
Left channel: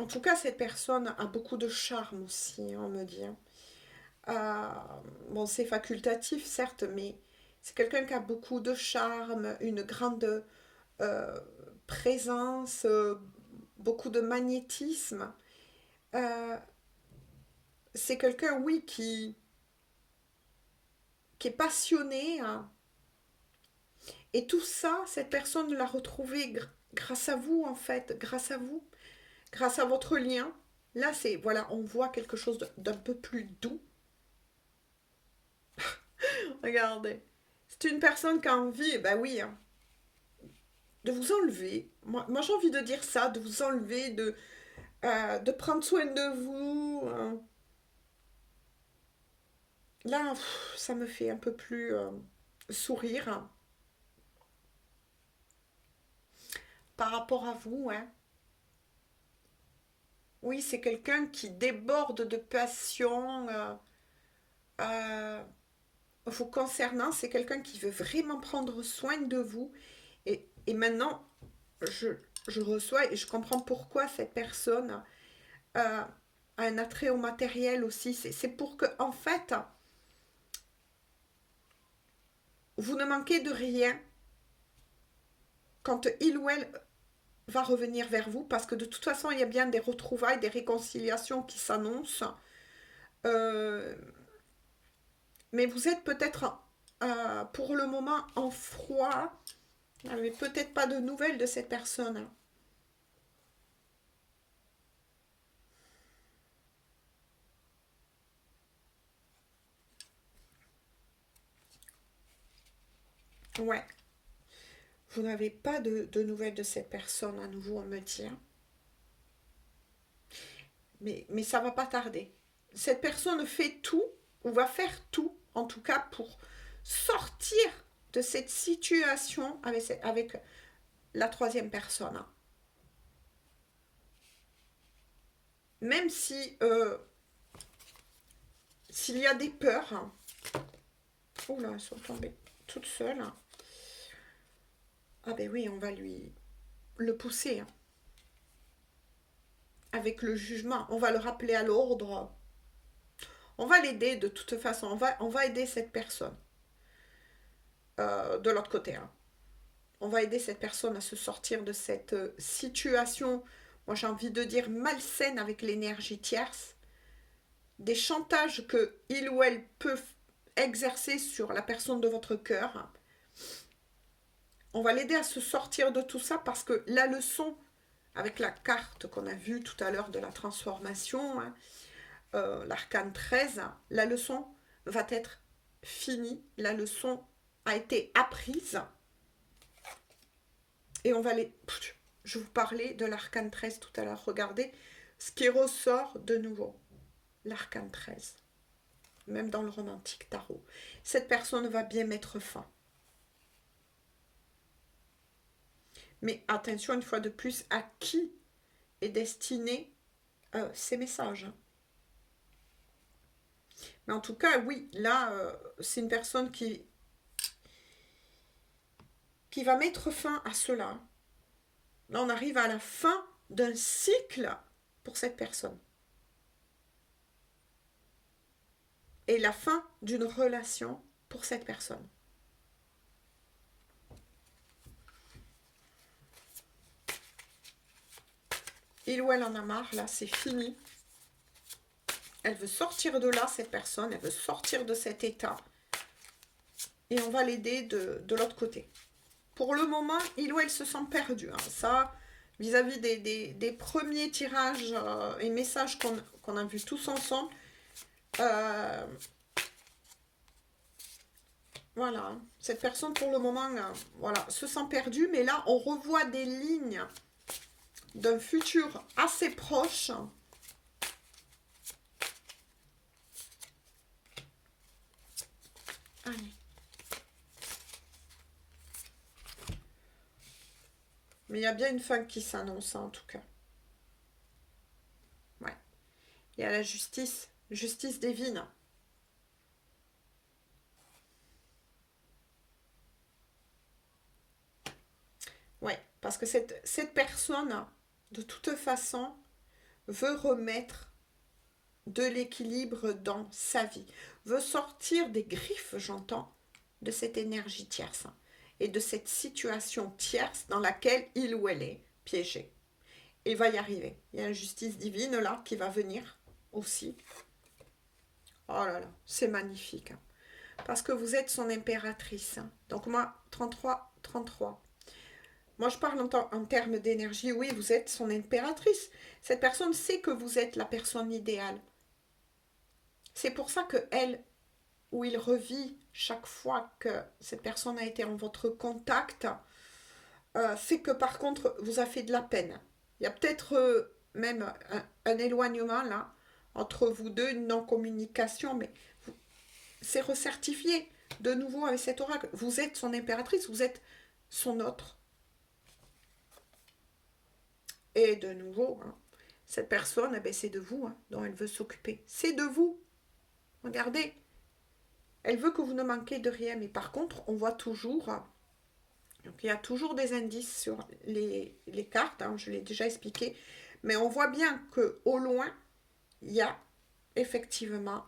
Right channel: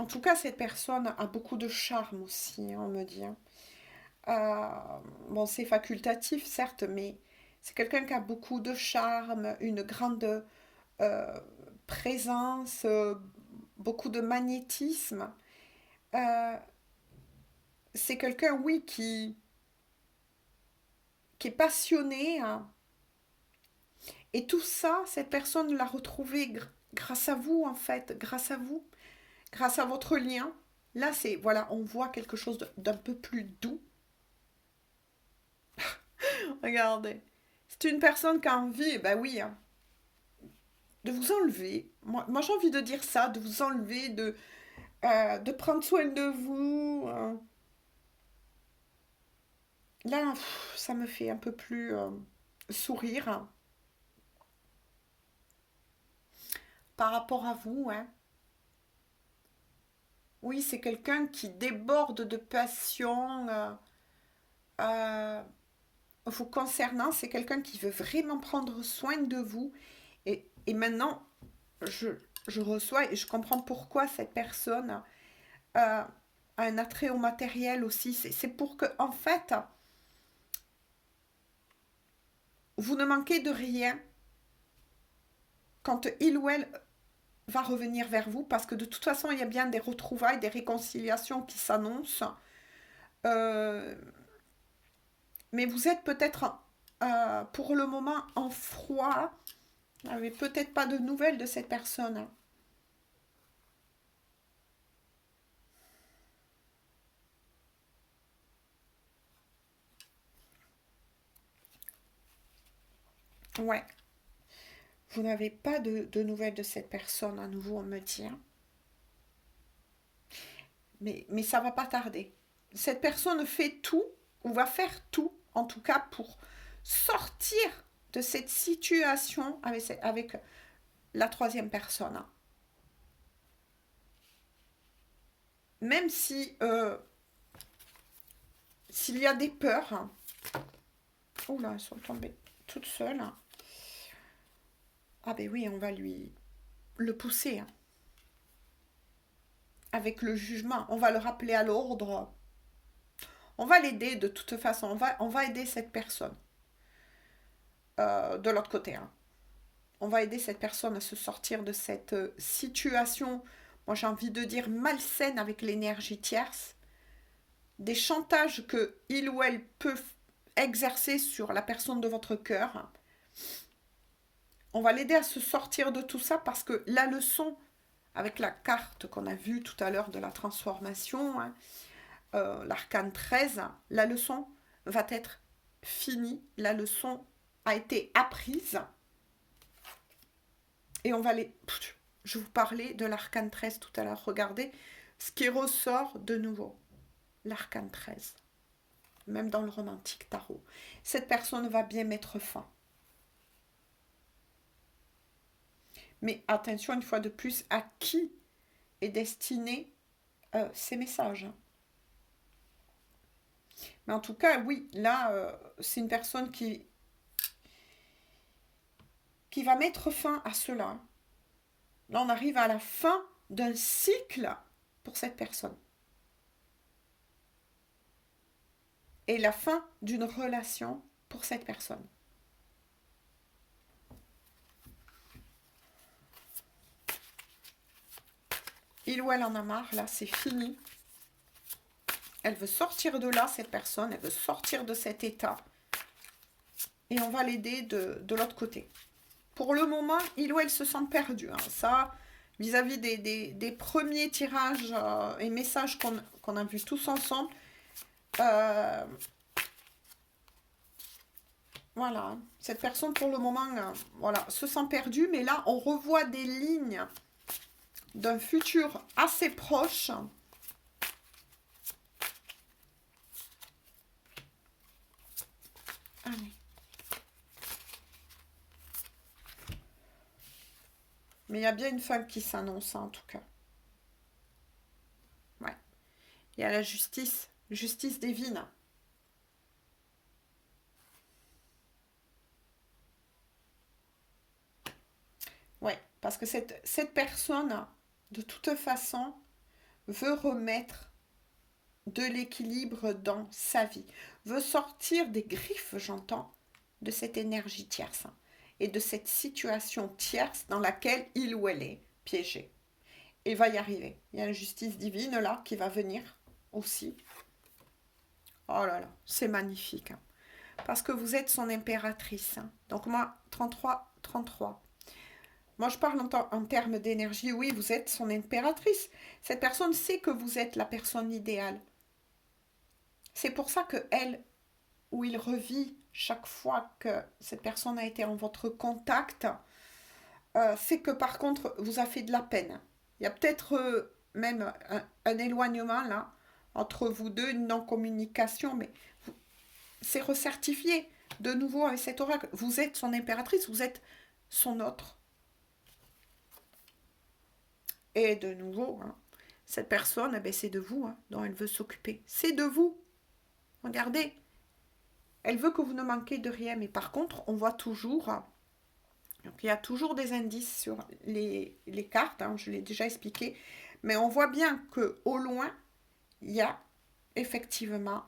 En tout cas, cette personne a beaucoup de charme aussi, hein, on me dit. Hein. Bon, c'est facultatif, certes, mais c'est quelqu'un qui a beaucoup de charme, une grande euh, présence, beaucoup de magnétisme. Euh, c'est quelqu'un, oui, qui est passionné. Hein. Et tout ça, cette personne l'a retrouvé grâce à vous, en fait, grâce à vous, grâce à votre lien. Là, c'est, voilà, on voit quelque chose d'un peu plus doux. Regardez. C'est une personne qui a envie, ben oui, hein, de vous enlever. Moi j'ai envie de dire ça, de vous enlever, de prendre soin de vous. Hein. Là, ça me fait un peu plus sourire hein, par rapport à vous. Hein. Oui, c'est quelqu'un qui déborde de passion euh, vous concernant. C'est quelqu'un qui veut vraiment prendre soin de vous. Et maintenant, je, je reçois et je comprends pourquoi cette personne a un attrait au matériel aussi. C'est pour que, en fait, vous ne manquez de rien quand il ou elle va revenir vers vous, parce que de toute façon, il y a bien des retrouvailles, des réconciliations qui s'annoncent. Euh, mais vous êtes peut-être pour le moment en froid. Vous n'avez peut-être pas de nouvelles de cette personne. Ouais. Vous n'avez pas de nouvelles de cette personne à nouveau, on me dit. Hein. Mais ça va pas tarder. Cette personne fait tout, ou va faire tout, en tout cas, pour sortir de cette situation avec la troisième personne. Même si s'il y a des peurs, hein. Oula, elles sont tombées toutes seules. Ah ben oui, on va lui le pousser. Hein. Avec le jugement, on va le rappeler à l'ordre. On va l'aider de toute façon, on va aider cette personne. De l'autre côté. Hein. On va aider cette personne à se sortir de cette situation, moi j'ai envie de dire malsaine avec l'énergie tierce, des chantages que il ou elle peut exercer sur la personne de votre cœur. On va l'aider à se sortir de tout ça parce que la leçon, avec la carte qu'on a vue tout à l'heure de la transformation, hein, l'arcane 13, la leçon va être finie, la leçon a été apprise. Et on va les... Je vous parlais de l'arcane 13 tout à l'heure. Regardez ce qui ressort de nouveau. L'arcane 13. Même dans le romantique tarot. Cette personne va bien mettre fin. Mais attention une fois de plus à qui est destiné ces messages. Mais en tout cas, oui, là, c'est une personne qui va mettre fin à cela. Là, on arrive à la fin d'un cycle pour cette personne. Et la fin d'une relation pour cette personne. Il ou elle en a marre, là, c'est fini. Elle veut sortir de là, cette personne, elle veut sortir de cet état. Et on va l'aider de l'autre côté. Pour le moment, il ou elle se sent perdu. Hein. Ça, vis-à-vis des premiers tirages et messages qu'on a vus tous ensemble, voilà, cette personne pour le moment voilà, se sent perdue, mais là on revoit des lignes d'un futur assez proche. Allez. Mais il y a bien une fin qui s'annonce en tout cas. Ouais. Il y a la justice divine. Ouais, parce que cette personne, de toute façon, veut remettre de l'équilibre dans sa vie, veut sortir des griffes, j'entends, de cette énergie tierce et de cette situation tierce dans laquelle il ou elle est piégée. Il va y arriver. Il y a la justice divine là qui va venir aussi. Oh là là, c'est magnifique. Hein. Parce que vous êtes son impératrice. Hein. Donc moi, 33, 33. Moi, je parle en termes d'énergie. Oui, vous êtes son impératrice. Cette personne sait que vous êtes la personne idéale. C'est pour ça que elle ou il revit chaque fois que cette personne a été en votre contact, c'est que par contre, vous a fait de la peine. Il y a peut-être même un éloignement là, entre vous deux, une non-communication, mais c'est recertifié de nouveau avec cet oracle. Vous êtes son impératrice, vous êtes son autre. Et de nouveau, hein, cette personne, eh ben, c'est de vous hein, dont elle veut s'occuper. C'est de vous. Regardez. Elle veut que vous ne manquiez de rien, mais par contre, on voit toujours, donc il y a toujours des indices sur les cartes, hein, je l'ai déjà expliqué, mais on voit bien qu'au loin, il y a effectivement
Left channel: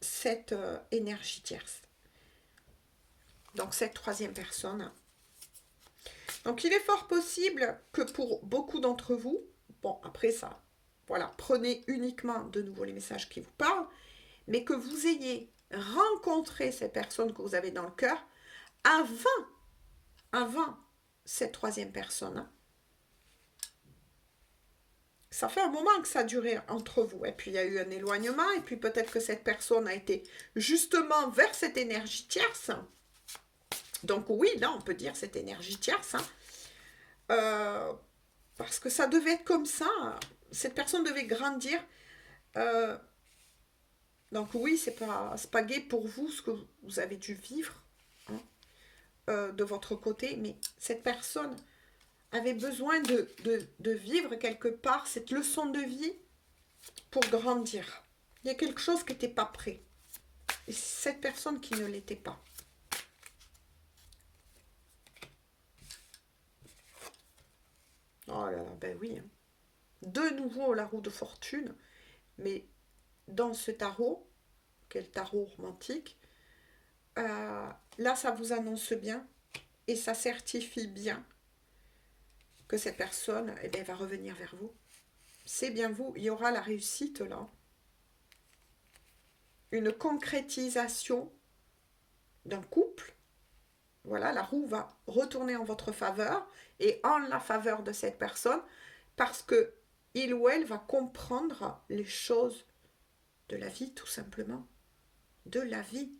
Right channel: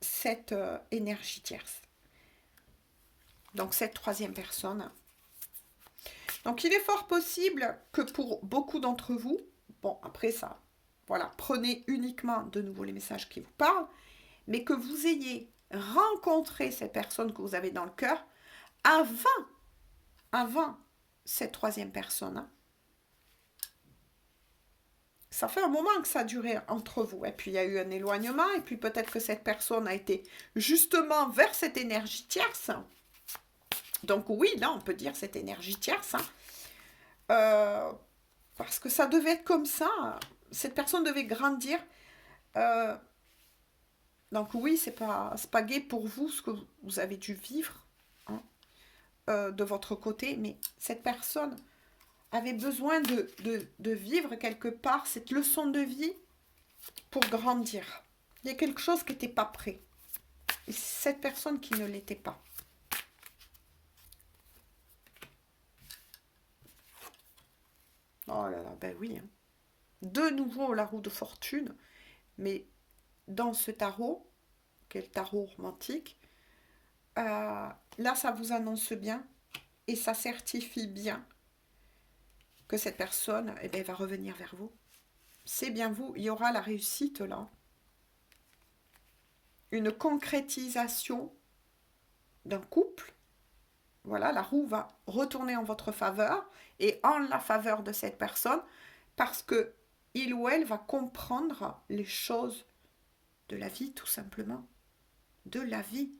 cette énergie tierce. Donc cette troisième personne. Donc il est fort possible que pour beaucoup d'entre vous, bon après ça, voilà, prenez uniquement de nouveau les messages qui vous parlent, mais que vous ayez rencontré ces personnes que vous avez dans le cœur avant cette troisième personne. Hein. Ça fait un moment que ça a duré entre vous. Et puis il y a eu un éloignement. Et puis peut-être que cette personne a été justement vers cette énergie tierce. Donc oui, là, on peut dire cette énergie tierce, hein. Euh, parce que ça devait être comme ça. Cette personne devait grandir. Euh, donc oui, c'est pas gai pour vous ce que vous avez dû vivre, hein, de votre côté, mais cette personne avait besoin de vivre quelque part cette leçon de vie pour grandir. Il y a quelque chose qui n'était pas prêt. Et c'est cette personne qui ne l'était pas. Oh là là, ben oui, hein. De nouveau la roue de fortune, mais dans ce tarot, quel tarot romantique, là ça vous annonce bien et ça certifie bien que cette personne eh bien, va revenir vers vous. C'est bien vous, il y aura la réussite là. Une concrétisation d'un couple. Voilà, la roue va retourner en votre faveur et en la faveur de cette personne parce que il ou elle va comprendre les choses de la vie tout simplement. De la vie.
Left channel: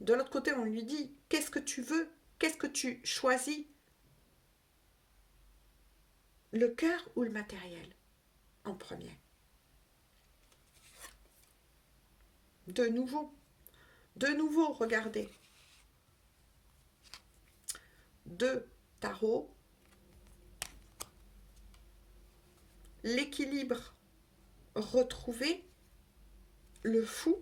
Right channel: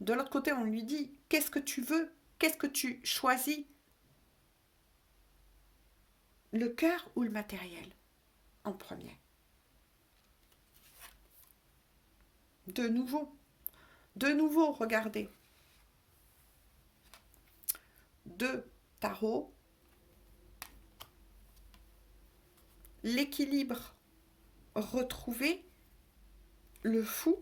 De l'autre côté, on lui dit, qu'est-ce que tu veux? Qu'est-ce que tu choisis? Le cœur ou le matériel en premier? De nouveau, regardez. Deux tarots. L'équilibre retrouvé. Le fou.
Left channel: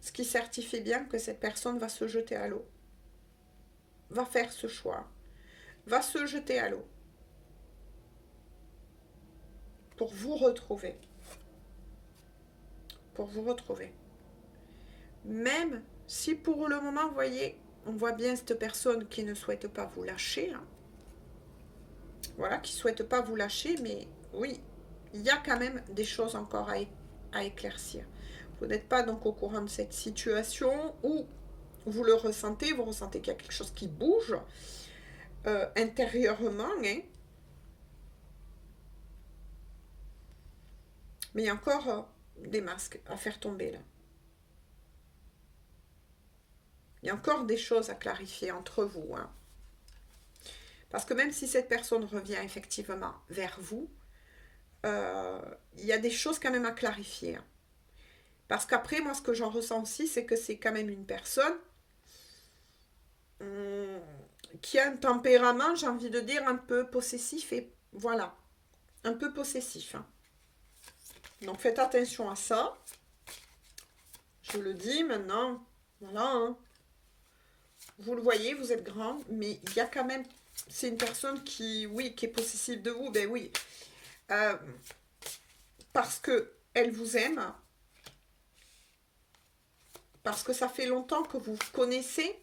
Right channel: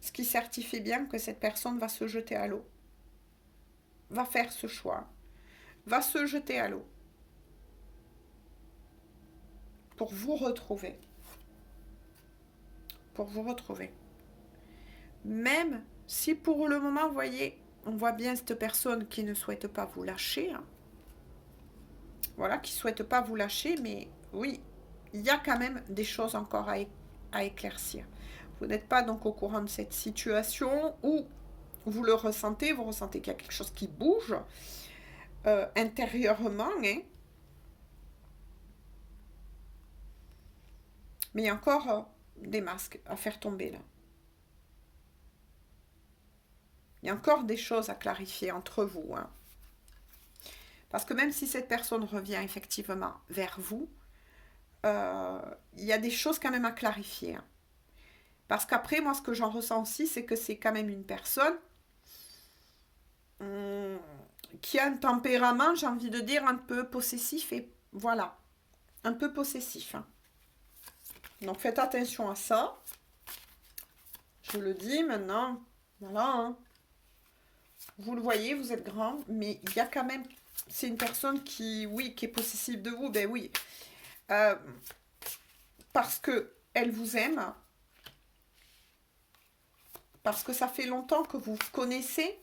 Ce qui certifie bien que cette personne va se jeter à l'eau. Va faire ce choix. Va se jeter à l'eau. Pour vous retrouver. Pour vous retrouver. Même si pour le moment, vous voyez, on voit bien cette personne qui ne souhaite pas vous lâcher. Hein. Voilà, qui ne souhaite pas vous lâcher, mais oui, il y a quand même des choses encore à éclaircir. Vous n'êtes pas donc au courant de cette situation où vous le ressentez, vous ressentez qu'il y a quelque chose qui bouge intérieurement, hein. Mais il y a encore des masques à faire tomber là. Il y a encore des choses à clarifier entre vous. Hein. Parce que même si cette personne revient effectivement vers vous, il y a des choses quand même à clarifier. Hein. Parce qu'après, moi, ce que j'en ressens aussi, c'est que c'est quand même une personne qui a un tempérament, j'ai envie de dire, un peu possessif. Et voilà, un peu possessif. Hein. Donc faites attention à ça. Je le dis maintenant. Voilà. Hein. Vous le voyez, vous êtes grand, mais il y a quand même... C'est une personne qui, oui, qui est possessive de vous. Ben oui. Parce que elle vous aime. Parce que ça fait longtemps que vous connaissez.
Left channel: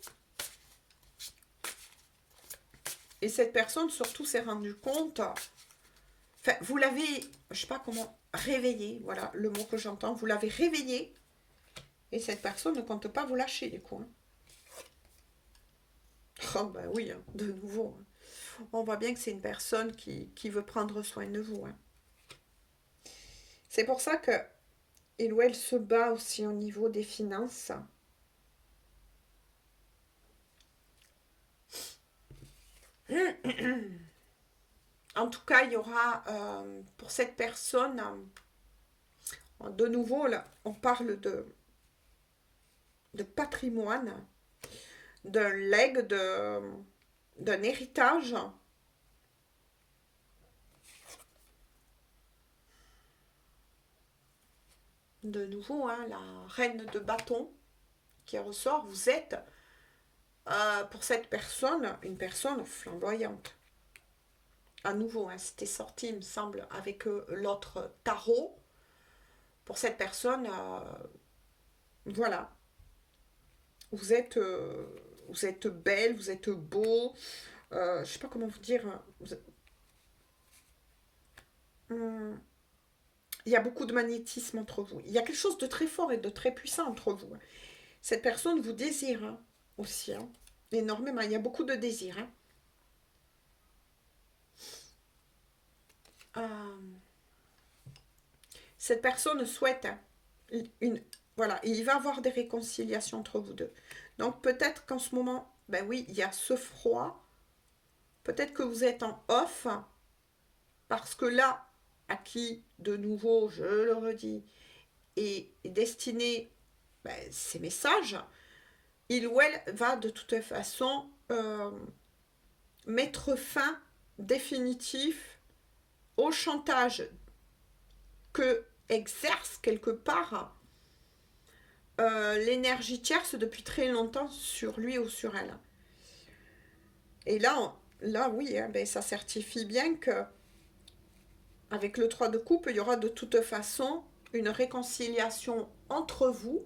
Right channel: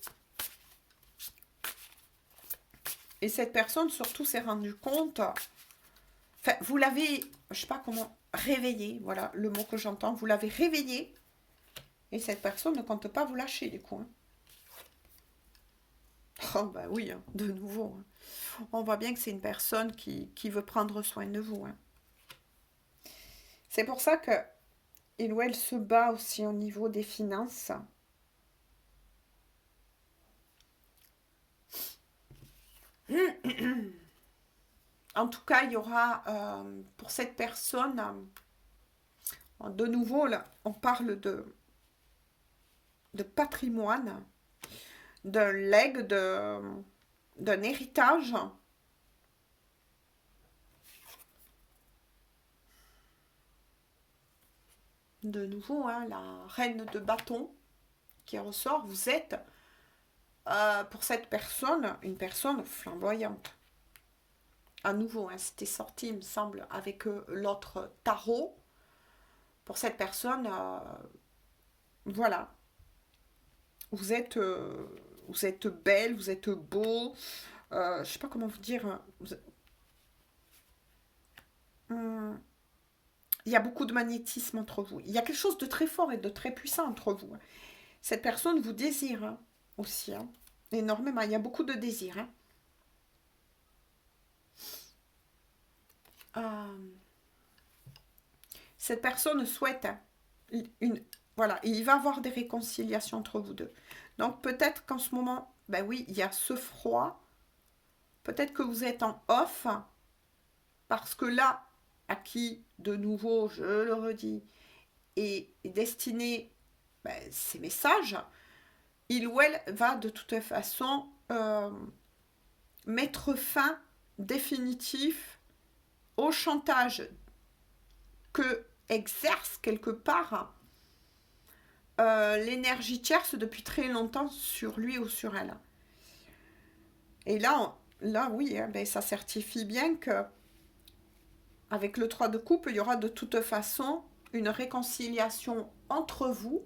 Et cette personne, surtout, s'est rendue compte... Enfin, vous l'avez, je sais pas comment, réveillé. Voilà le mot que j'entends. Vous l'avez réveillé. Et cette personne ne compte pas vous lâcher, du coup. Hein. Oh, bah oui, hein, de nouveau. Hein. On voit bien que c'est une personne qui veut prendre soin de vous. Hein. C'est pour ça que il ou elle se bat aussi au niveau des finances. En tout cas, il y aura pour cette personne, de nouveau, là, on parle de patrimoine, d'un legs, d'un héritage. De nouveau, hein, la reine de bâton qui ressort, vous êtes, pour cette personne, une personne flamboyante. À nouveau, hein, c'était sorti, il me semble, avec l'autre tarot. Pour cette personne, voilà, vous êtes belle, vous êtes beau. Je sais pas comment vous dire. Hum, il y a beaucoup de magnétisme entre vous. Il y a quelque chose de très fort et de très puissant entre vous. Cette personne vous désire hein, aussi, hein, énormément. Il y a beaucoup de désir. Hein. Cette personne souhaite hein, une, Voilà, et il va y avoir des réconciliations entre vous deux. Donc peut-être qu'en ce moment, ben oui, il y a ce froid. Peut-être que vous êtes en off, parce que là, à qui, de nouveau, je le redis, est destiné ces messages, il ou elle va de toute façon mettre fin définitif au chantage que exerce quelque part l'énergie tierce depuis très longtemps sur lui ou sur elle. Et là oui, hein, ça certifie bien que avec le 3 de coupe, il y aura de toute façon une réconciliation entre vous,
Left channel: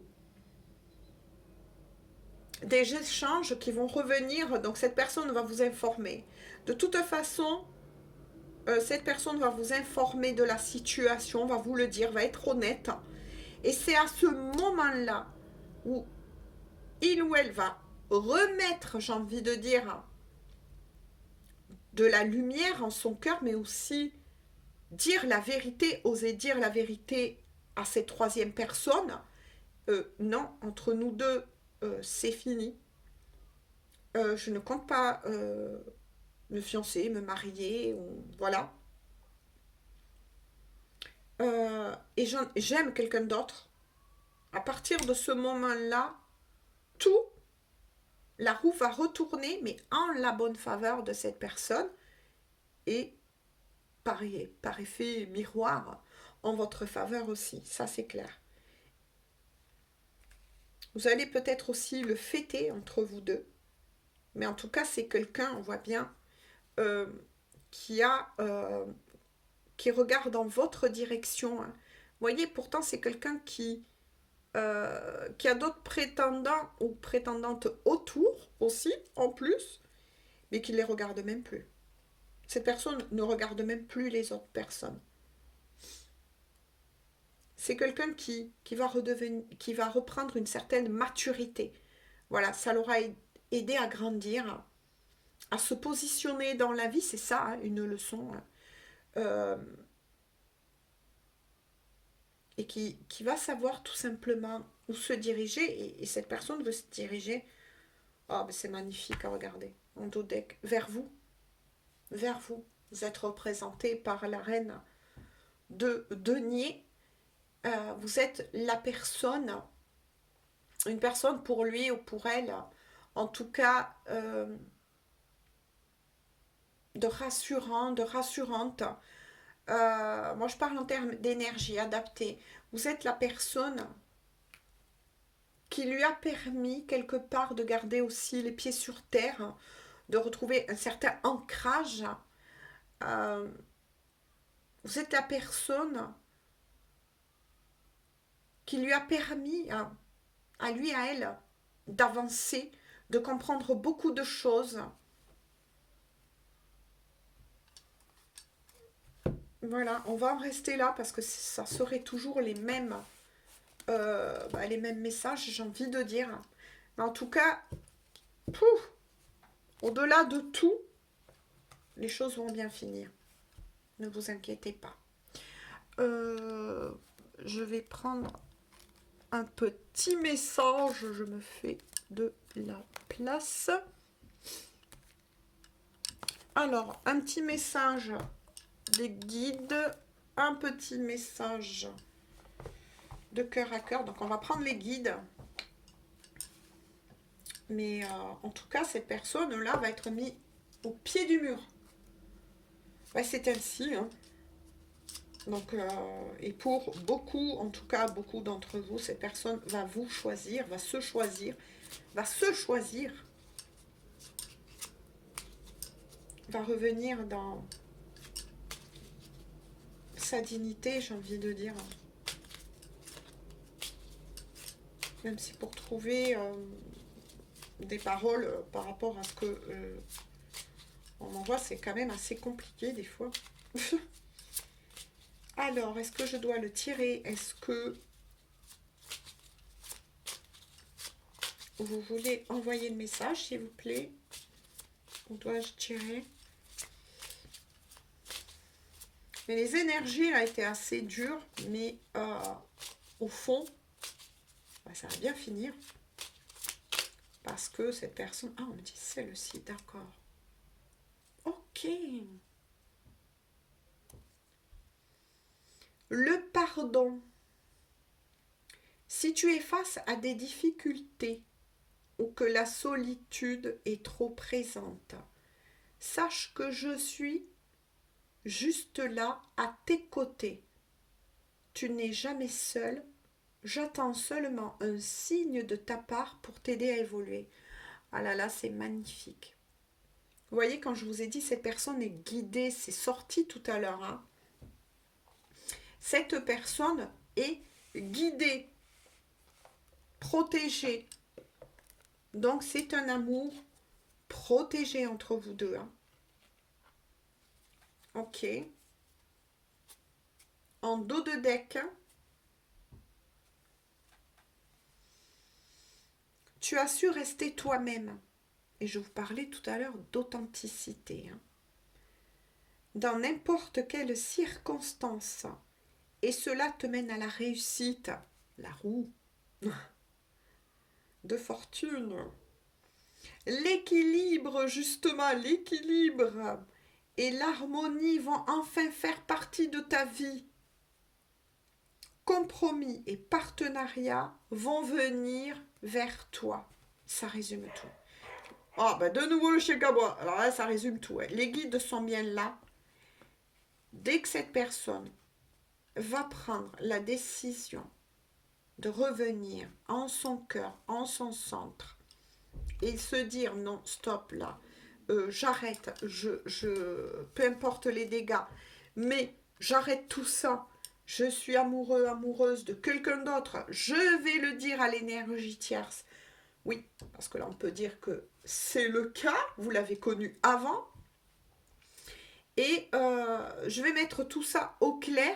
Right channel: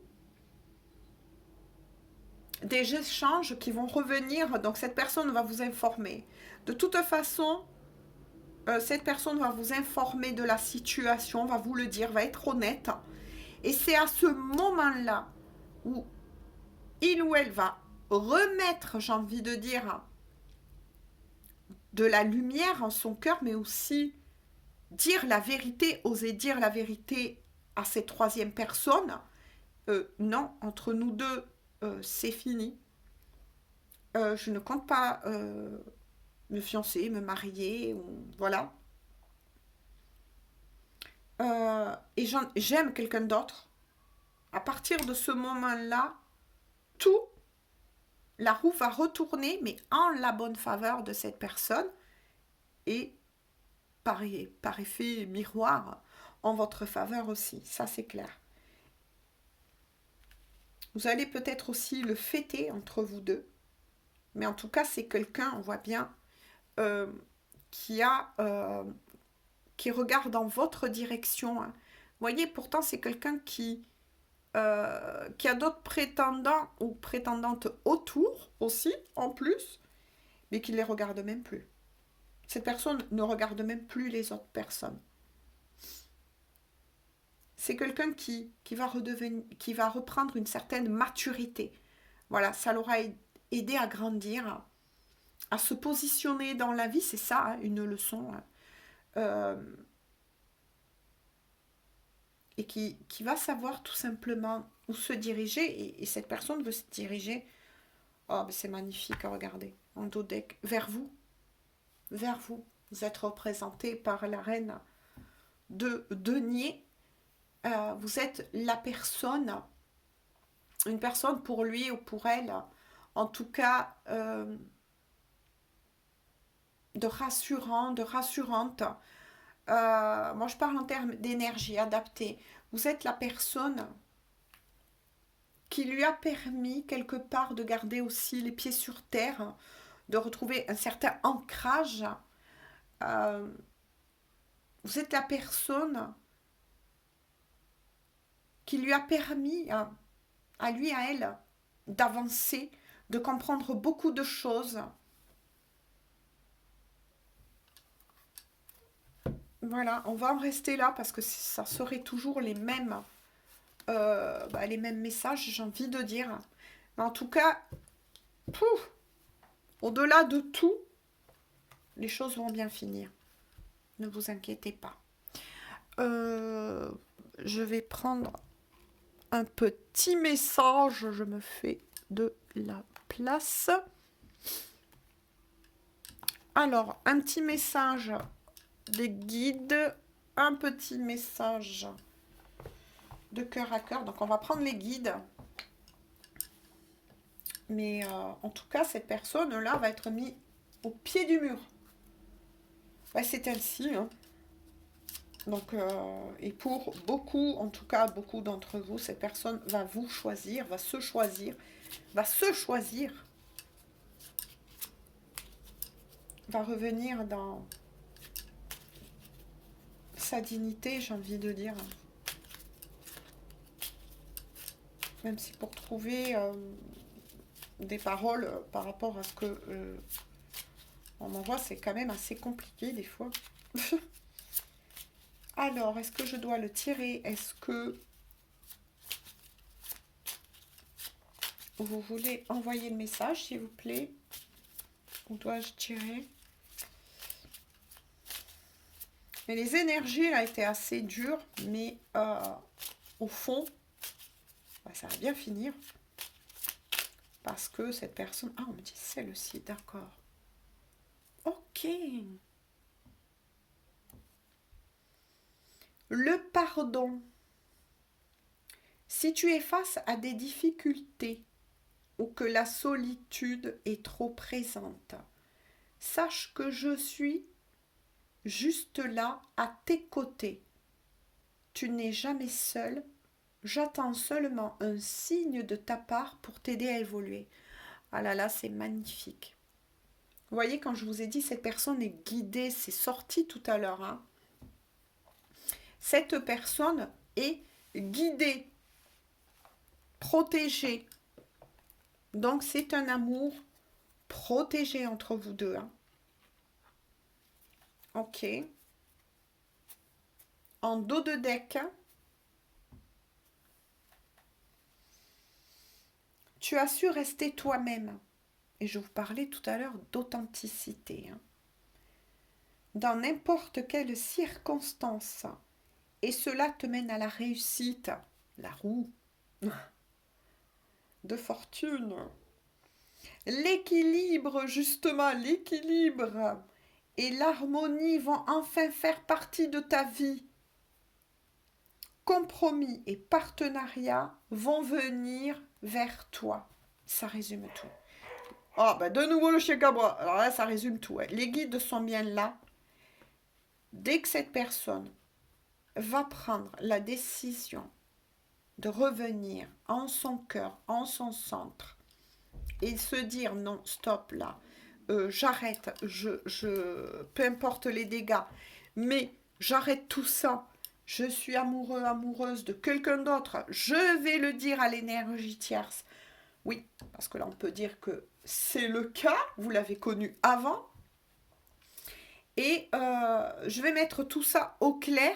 des échanges qui vont revenir, donc cette personne va vous informer. De toute façon, cette personne va vous informer de la situation, va vous le dire, va être honnête. Et c'est à ce moment-là où il ou elle va remettre, j'ai envie de dire, de la lumière en son cœur, mais aussi dire la vérité, oser dire la vérité à cette troisième personne. Non, entre nous deux, c'est fini. Je ne compte pas me fiancer, me marier, voilà. Et j'aime quelqu'un d'autre. À partir de ce moment-là, tout, la roue va retourner, mais en la bonne faveur de cette personne et par effet miroir, en votre faveur aussi. Ça, c'est clair. Vous allez peut-être aussi le fêter entre vous deux. Mais en tout cas, c'est quelqu'un, on voit bien, euh, qui regarde dans votre direction, hein. Vous voyez, pourtant, c'est quelqu'un qui a d'autres prétendants ou prétendantes autour aussi, en plus, mais qui ne les regarde même plus. Cette personne ne regarde même plus les autres personnes. C'est quelqu'un qui va reprendre une certaine maturité. Voilà, ça l'aura aidé à grandir, à se positionner dans la vie, c'est ça, hein, une leçon. Euh, et qui va savoir tout simplement où se diriger. Et cette personne veut se diriger. Oh, c'est magnifique à regarder. En dos deck, vers vous. Vers vous. Vous êtes représenté par la reine de denier. Vous êtes la personne, une personne pour lui ou pour elle, en tout cas de rassurant, de rassurante. Moi, je parle en termes d'énergie adaptée. Vous êtes la personne qui lui a permis quelque part de garder aussi les pieds sur terre, de retrouver un certain ancrage. Euh, vous êtes la personne qui lui a permis à lui, à elle, d'avancer, de comprendre beaucoup de choses. Voilà, on va en rester là parce que ça serait toujours les mêmes messages, j'ai envie de dire. Mais en tout cas, au-delà de tout, les choses vont bien finir. Ne vous inquiétez pas. Je vais prendre un petit message. Je me fais de la place. Alors, un petit message des guides. Un petit message de cœur à cœur. Donc, on va prendre les guides. Mais en tout cas, cette personne-là va être mise au pied du mur. Ouais, c'est ainsi. Hein. Donc, et pour beaucoup, en tout cas beaucoup d'entre vous, cette personne va vous choisir, va se choisir, va revenir dans sa dignité, j'ai envie de dire. Même si pour trouver des paroles par rapport à ce que on m'envoie, c'est quand même assez compliqué des fois. Alors, est-ce que je dois le tirer? Est-ce que vous voulez envoyer le message, s'il vous plaît? Ou dois-je tirer? Mais les énergies ont été assez dures, mais au fond, Ça va bien finir. Parce que cette personne... Ah, on me dit celle-ci, d'accord. Ok. Le pardon. Si tu es face à des difficultés ou que la solitude est trop présente, sache que je suis juste là à tes côtés. Tu n'es jamais seul. J'attends seulement un signe de ta part pour t'aider à évoluer. Ah là là, c'est magnifique. Vous voyez, quand je vous ai dit, cette personne est guidée, c'est sorti tout à l'heure. Hein. Cette personne est guidée, protégée. Donc, c'est un amour protégé entre vous deux. Hein. Ok. En dos de deck, tu as su rester toi-même. Et je vous parlais tout à l'heure d'authenticité. Hein. Dans n'importe quelle circonstance. Et cela te mène à la réussite. La roue de fortune. L'équilibre, justement, l'équilibre et l'harmonie vont enfin faire partie de ta vie. Compromis et partenariat vont venir vers toi. Ça résume tout. Ah, ben de nouveau le chien à bois. Alors là, ça résume tout. Hein. Les guides sont bien là. Dès que cette personne va prendre la décision de revenir en son cœur, en son centre, et se dire non, stop là, j'arrête, peu importe les dégâts, mais j'arrête tout ça, je suis amoureux, amoureuse de quelqu'un d'autre, je vais le dire à l'énergie tierce. Oui, parce que là on peut dire que c'est le cas, vous l'avez connu avant, et je vais mettre tout ça au clair,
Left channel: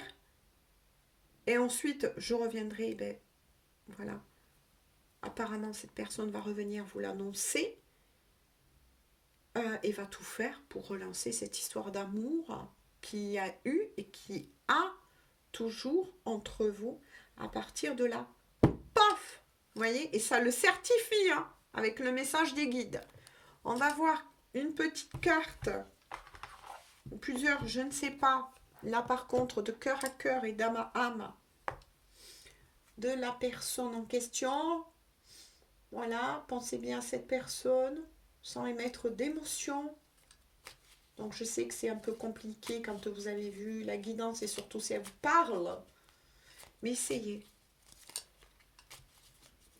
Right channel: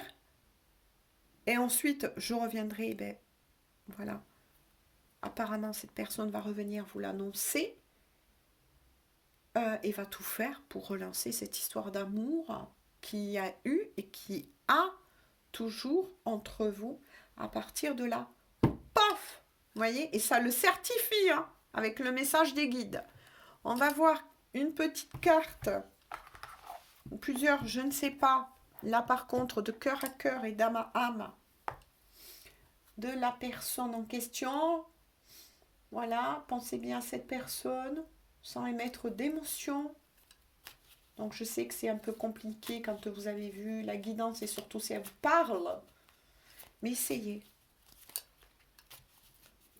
et ensuite je reviendrai, ben voilà. Apparemment, cette personne va revenir vous l'annoncer et va tout faire pour relancer cette histoire d'amour qu'il y a eu et qui a toujours entre vous à partir de là. Paf! Vous voyez? Et ça le certifie hein, avec le message des guides. On va voir une petite carte ou plusieurs, je ne sais pas. Là, par contre, de cœur à cœur et d'âme à âme de la personne en question. Voilà, pensez bien à cette personne sans émettre d'émotion. Donc je sais que c'est un peu compliqué quand vous avez vu la guidance et surtout si elle vous parle. Mais essayez.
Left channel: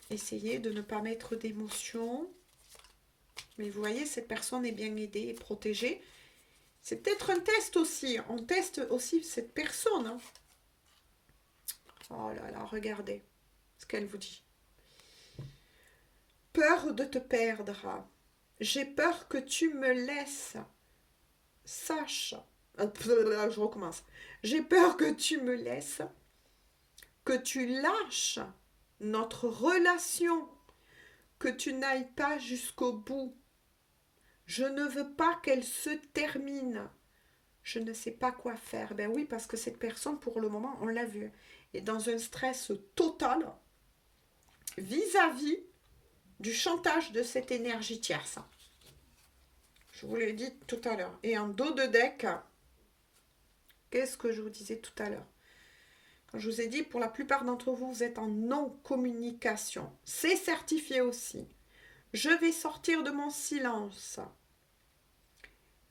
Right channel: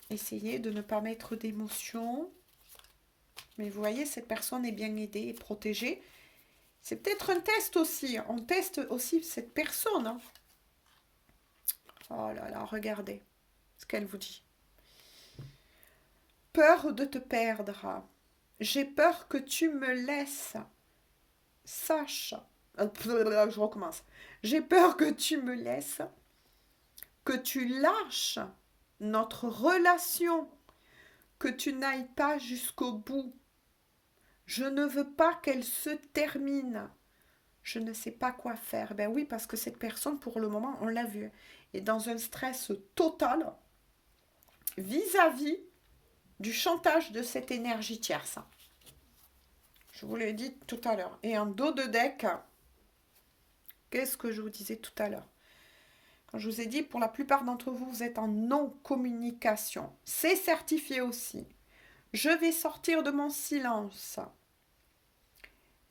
Essayez de ne pas mettre d'émotion. Mais vous voyez, cette personne est bien aidée et protégée. C'est peut-être un test aussi. On teste aussi cette personne. Hein. Oh là là, regardez ce qu'elle vous dit. Peur de te perdre. J'ai peur que tu me laisses. Sache. Je recommence. J'ai peur que tu me laisses, que tu lâches notre relation, que tu n'ailles pas jusqu'au bout. Je ne veux pas qu'elle se termine. Je ne sais pas quoi faire. Ben oui, parce que cette personne, pour le moment, on l'a vu, est dans un stress total vis-à-vis du chantage de cette énergie tierce. Je vous l'ai dit tout à l'heure. Et en dos de deck, qu'est-ce que je vous disais tout à l'heure? Je vous ai dit, pour la plupart d'entre vous, vous êtes en non-communication. C'est certifié aussi. Je vais sortir de mon silence.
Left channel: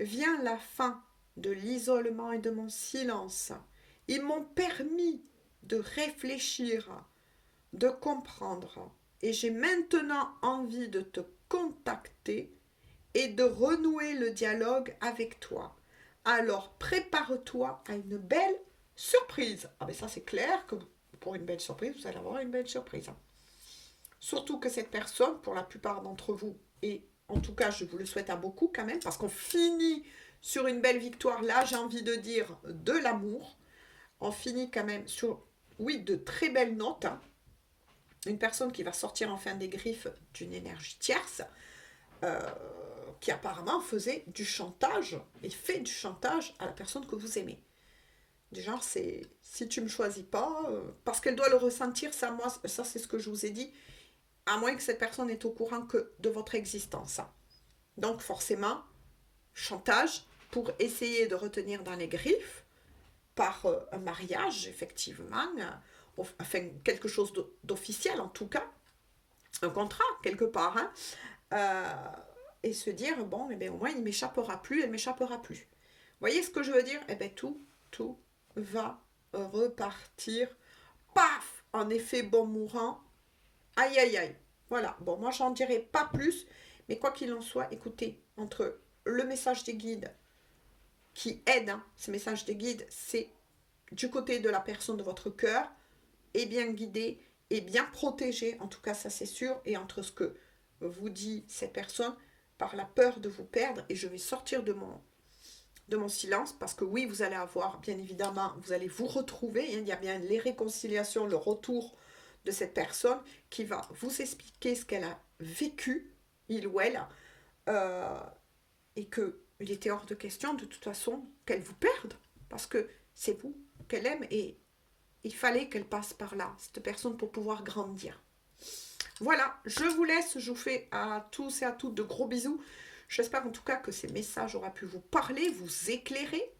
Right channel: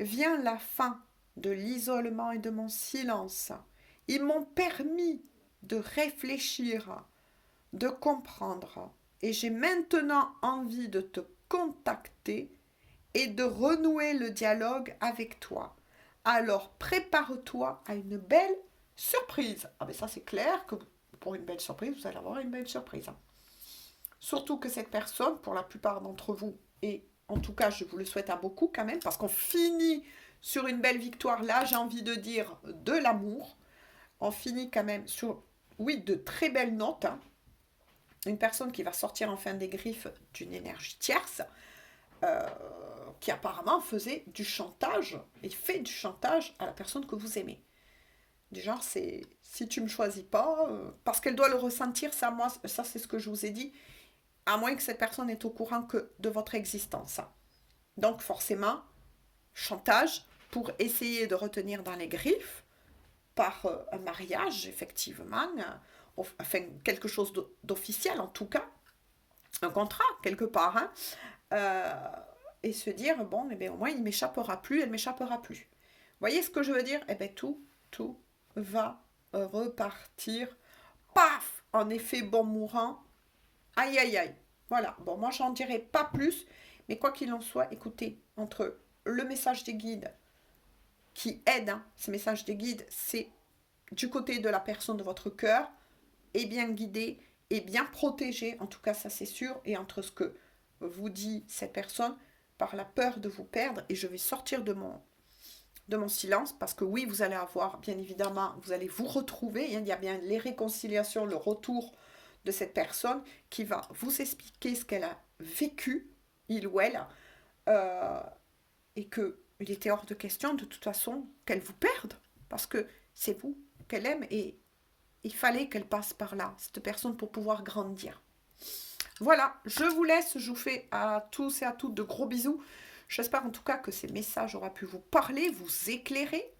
Vient la fin de l'isolement et de mon silence. Ils m'ont permis de réfléchir, de comprendre. Et j'ai maintenant envie de te contacter et de renouer le dialogue avec toi. Alors prépare-toi à une belle surprise. Ah ben ça c'est clair que pour une belle surprise, vous allez avoir une belle surprise. Surtout que cette personne, pour la plupart d'entre vous, et en tout cas je vous le souhaite à beaucoup quand même, parce qu'on finit sur une belle victoire, là j'ai envie de dire de l'amour. On finit quand même sur, oui, de très belles notes. Hein. Une personne qui va sortir enfin des griffes d'une énergie tierce, qui apparemment faisait du chantage, et fait du chantage à la personne que vous aimez. Du genre, c'est si tu me choisis pas, parce qu'elle doit le ressentir, ça, moi, ça c'est ce que je vous ai dit, à moins que cette personne est au courant que de votre existence. Hein. Donc forcément, chantage pour essayer de retenir dans les griffes par un mariage, effectivement, enfin quelque chose d'officiel en tout cas, un contrat quelque part, hein, et se dire, bon, eh bien, au moins il m'échappera plus, elle m'échappera plus. Vous voyez ce que je veux dire? Eh bien tout va repartir, paf, en effet bon mourant, aïe aïe aïe. Voilà, bon, moi j'en dirai pas plus, mais quoi qu'il en soit, écoutez, entre le message des guides qui aide, hein, ces messages des guides, c'est du côté de la personne de votre cœur, est bien guidé, est bien protégé, en tout cas ça c'est sûr, et entre ce que vous dit cette personne, par la peur de vous perdre, et je vais sortir de mon silence, parce que oui, vous allez avoir, bien évidemment, vous allez vous retrouver, il y a bien les réconciliations, le retour de cette personne qui va vous expliquer ce qu'elle a vécu, il ou elle, euh, et que il était hors de question de toute façon qu'elle vous perde, parce que c'est vous qu'elle aime, et il fallait qu'elle passe par là, cette personne, pour pouvoir grandir. Voilà, je vous laisse, je vous fais à tous et à toutes de gros bisous. J'espère en tout cas que ces messages auraient pu vous parler, vous éclairer.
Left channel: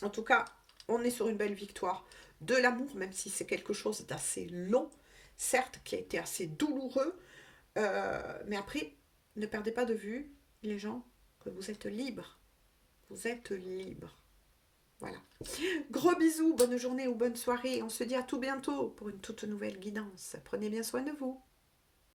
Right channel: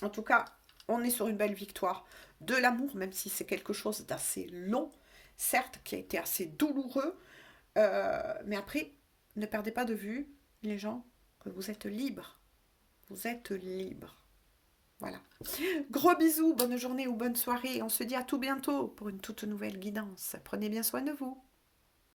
En tout cas, on est sur une belle victoire de l'amour, même si c'est quelque chose d'assez long, certes, qui a été assez douloureux. Mais après, ne perdez pas de vue, les gens, que vous êtes libres. Vous êtes libres. Voilà. Gros bisous, bonne journée ou bonne soirée. On se dit à tout bientôt pour une toute nouvelle guidance. Prenez bien soin de vous.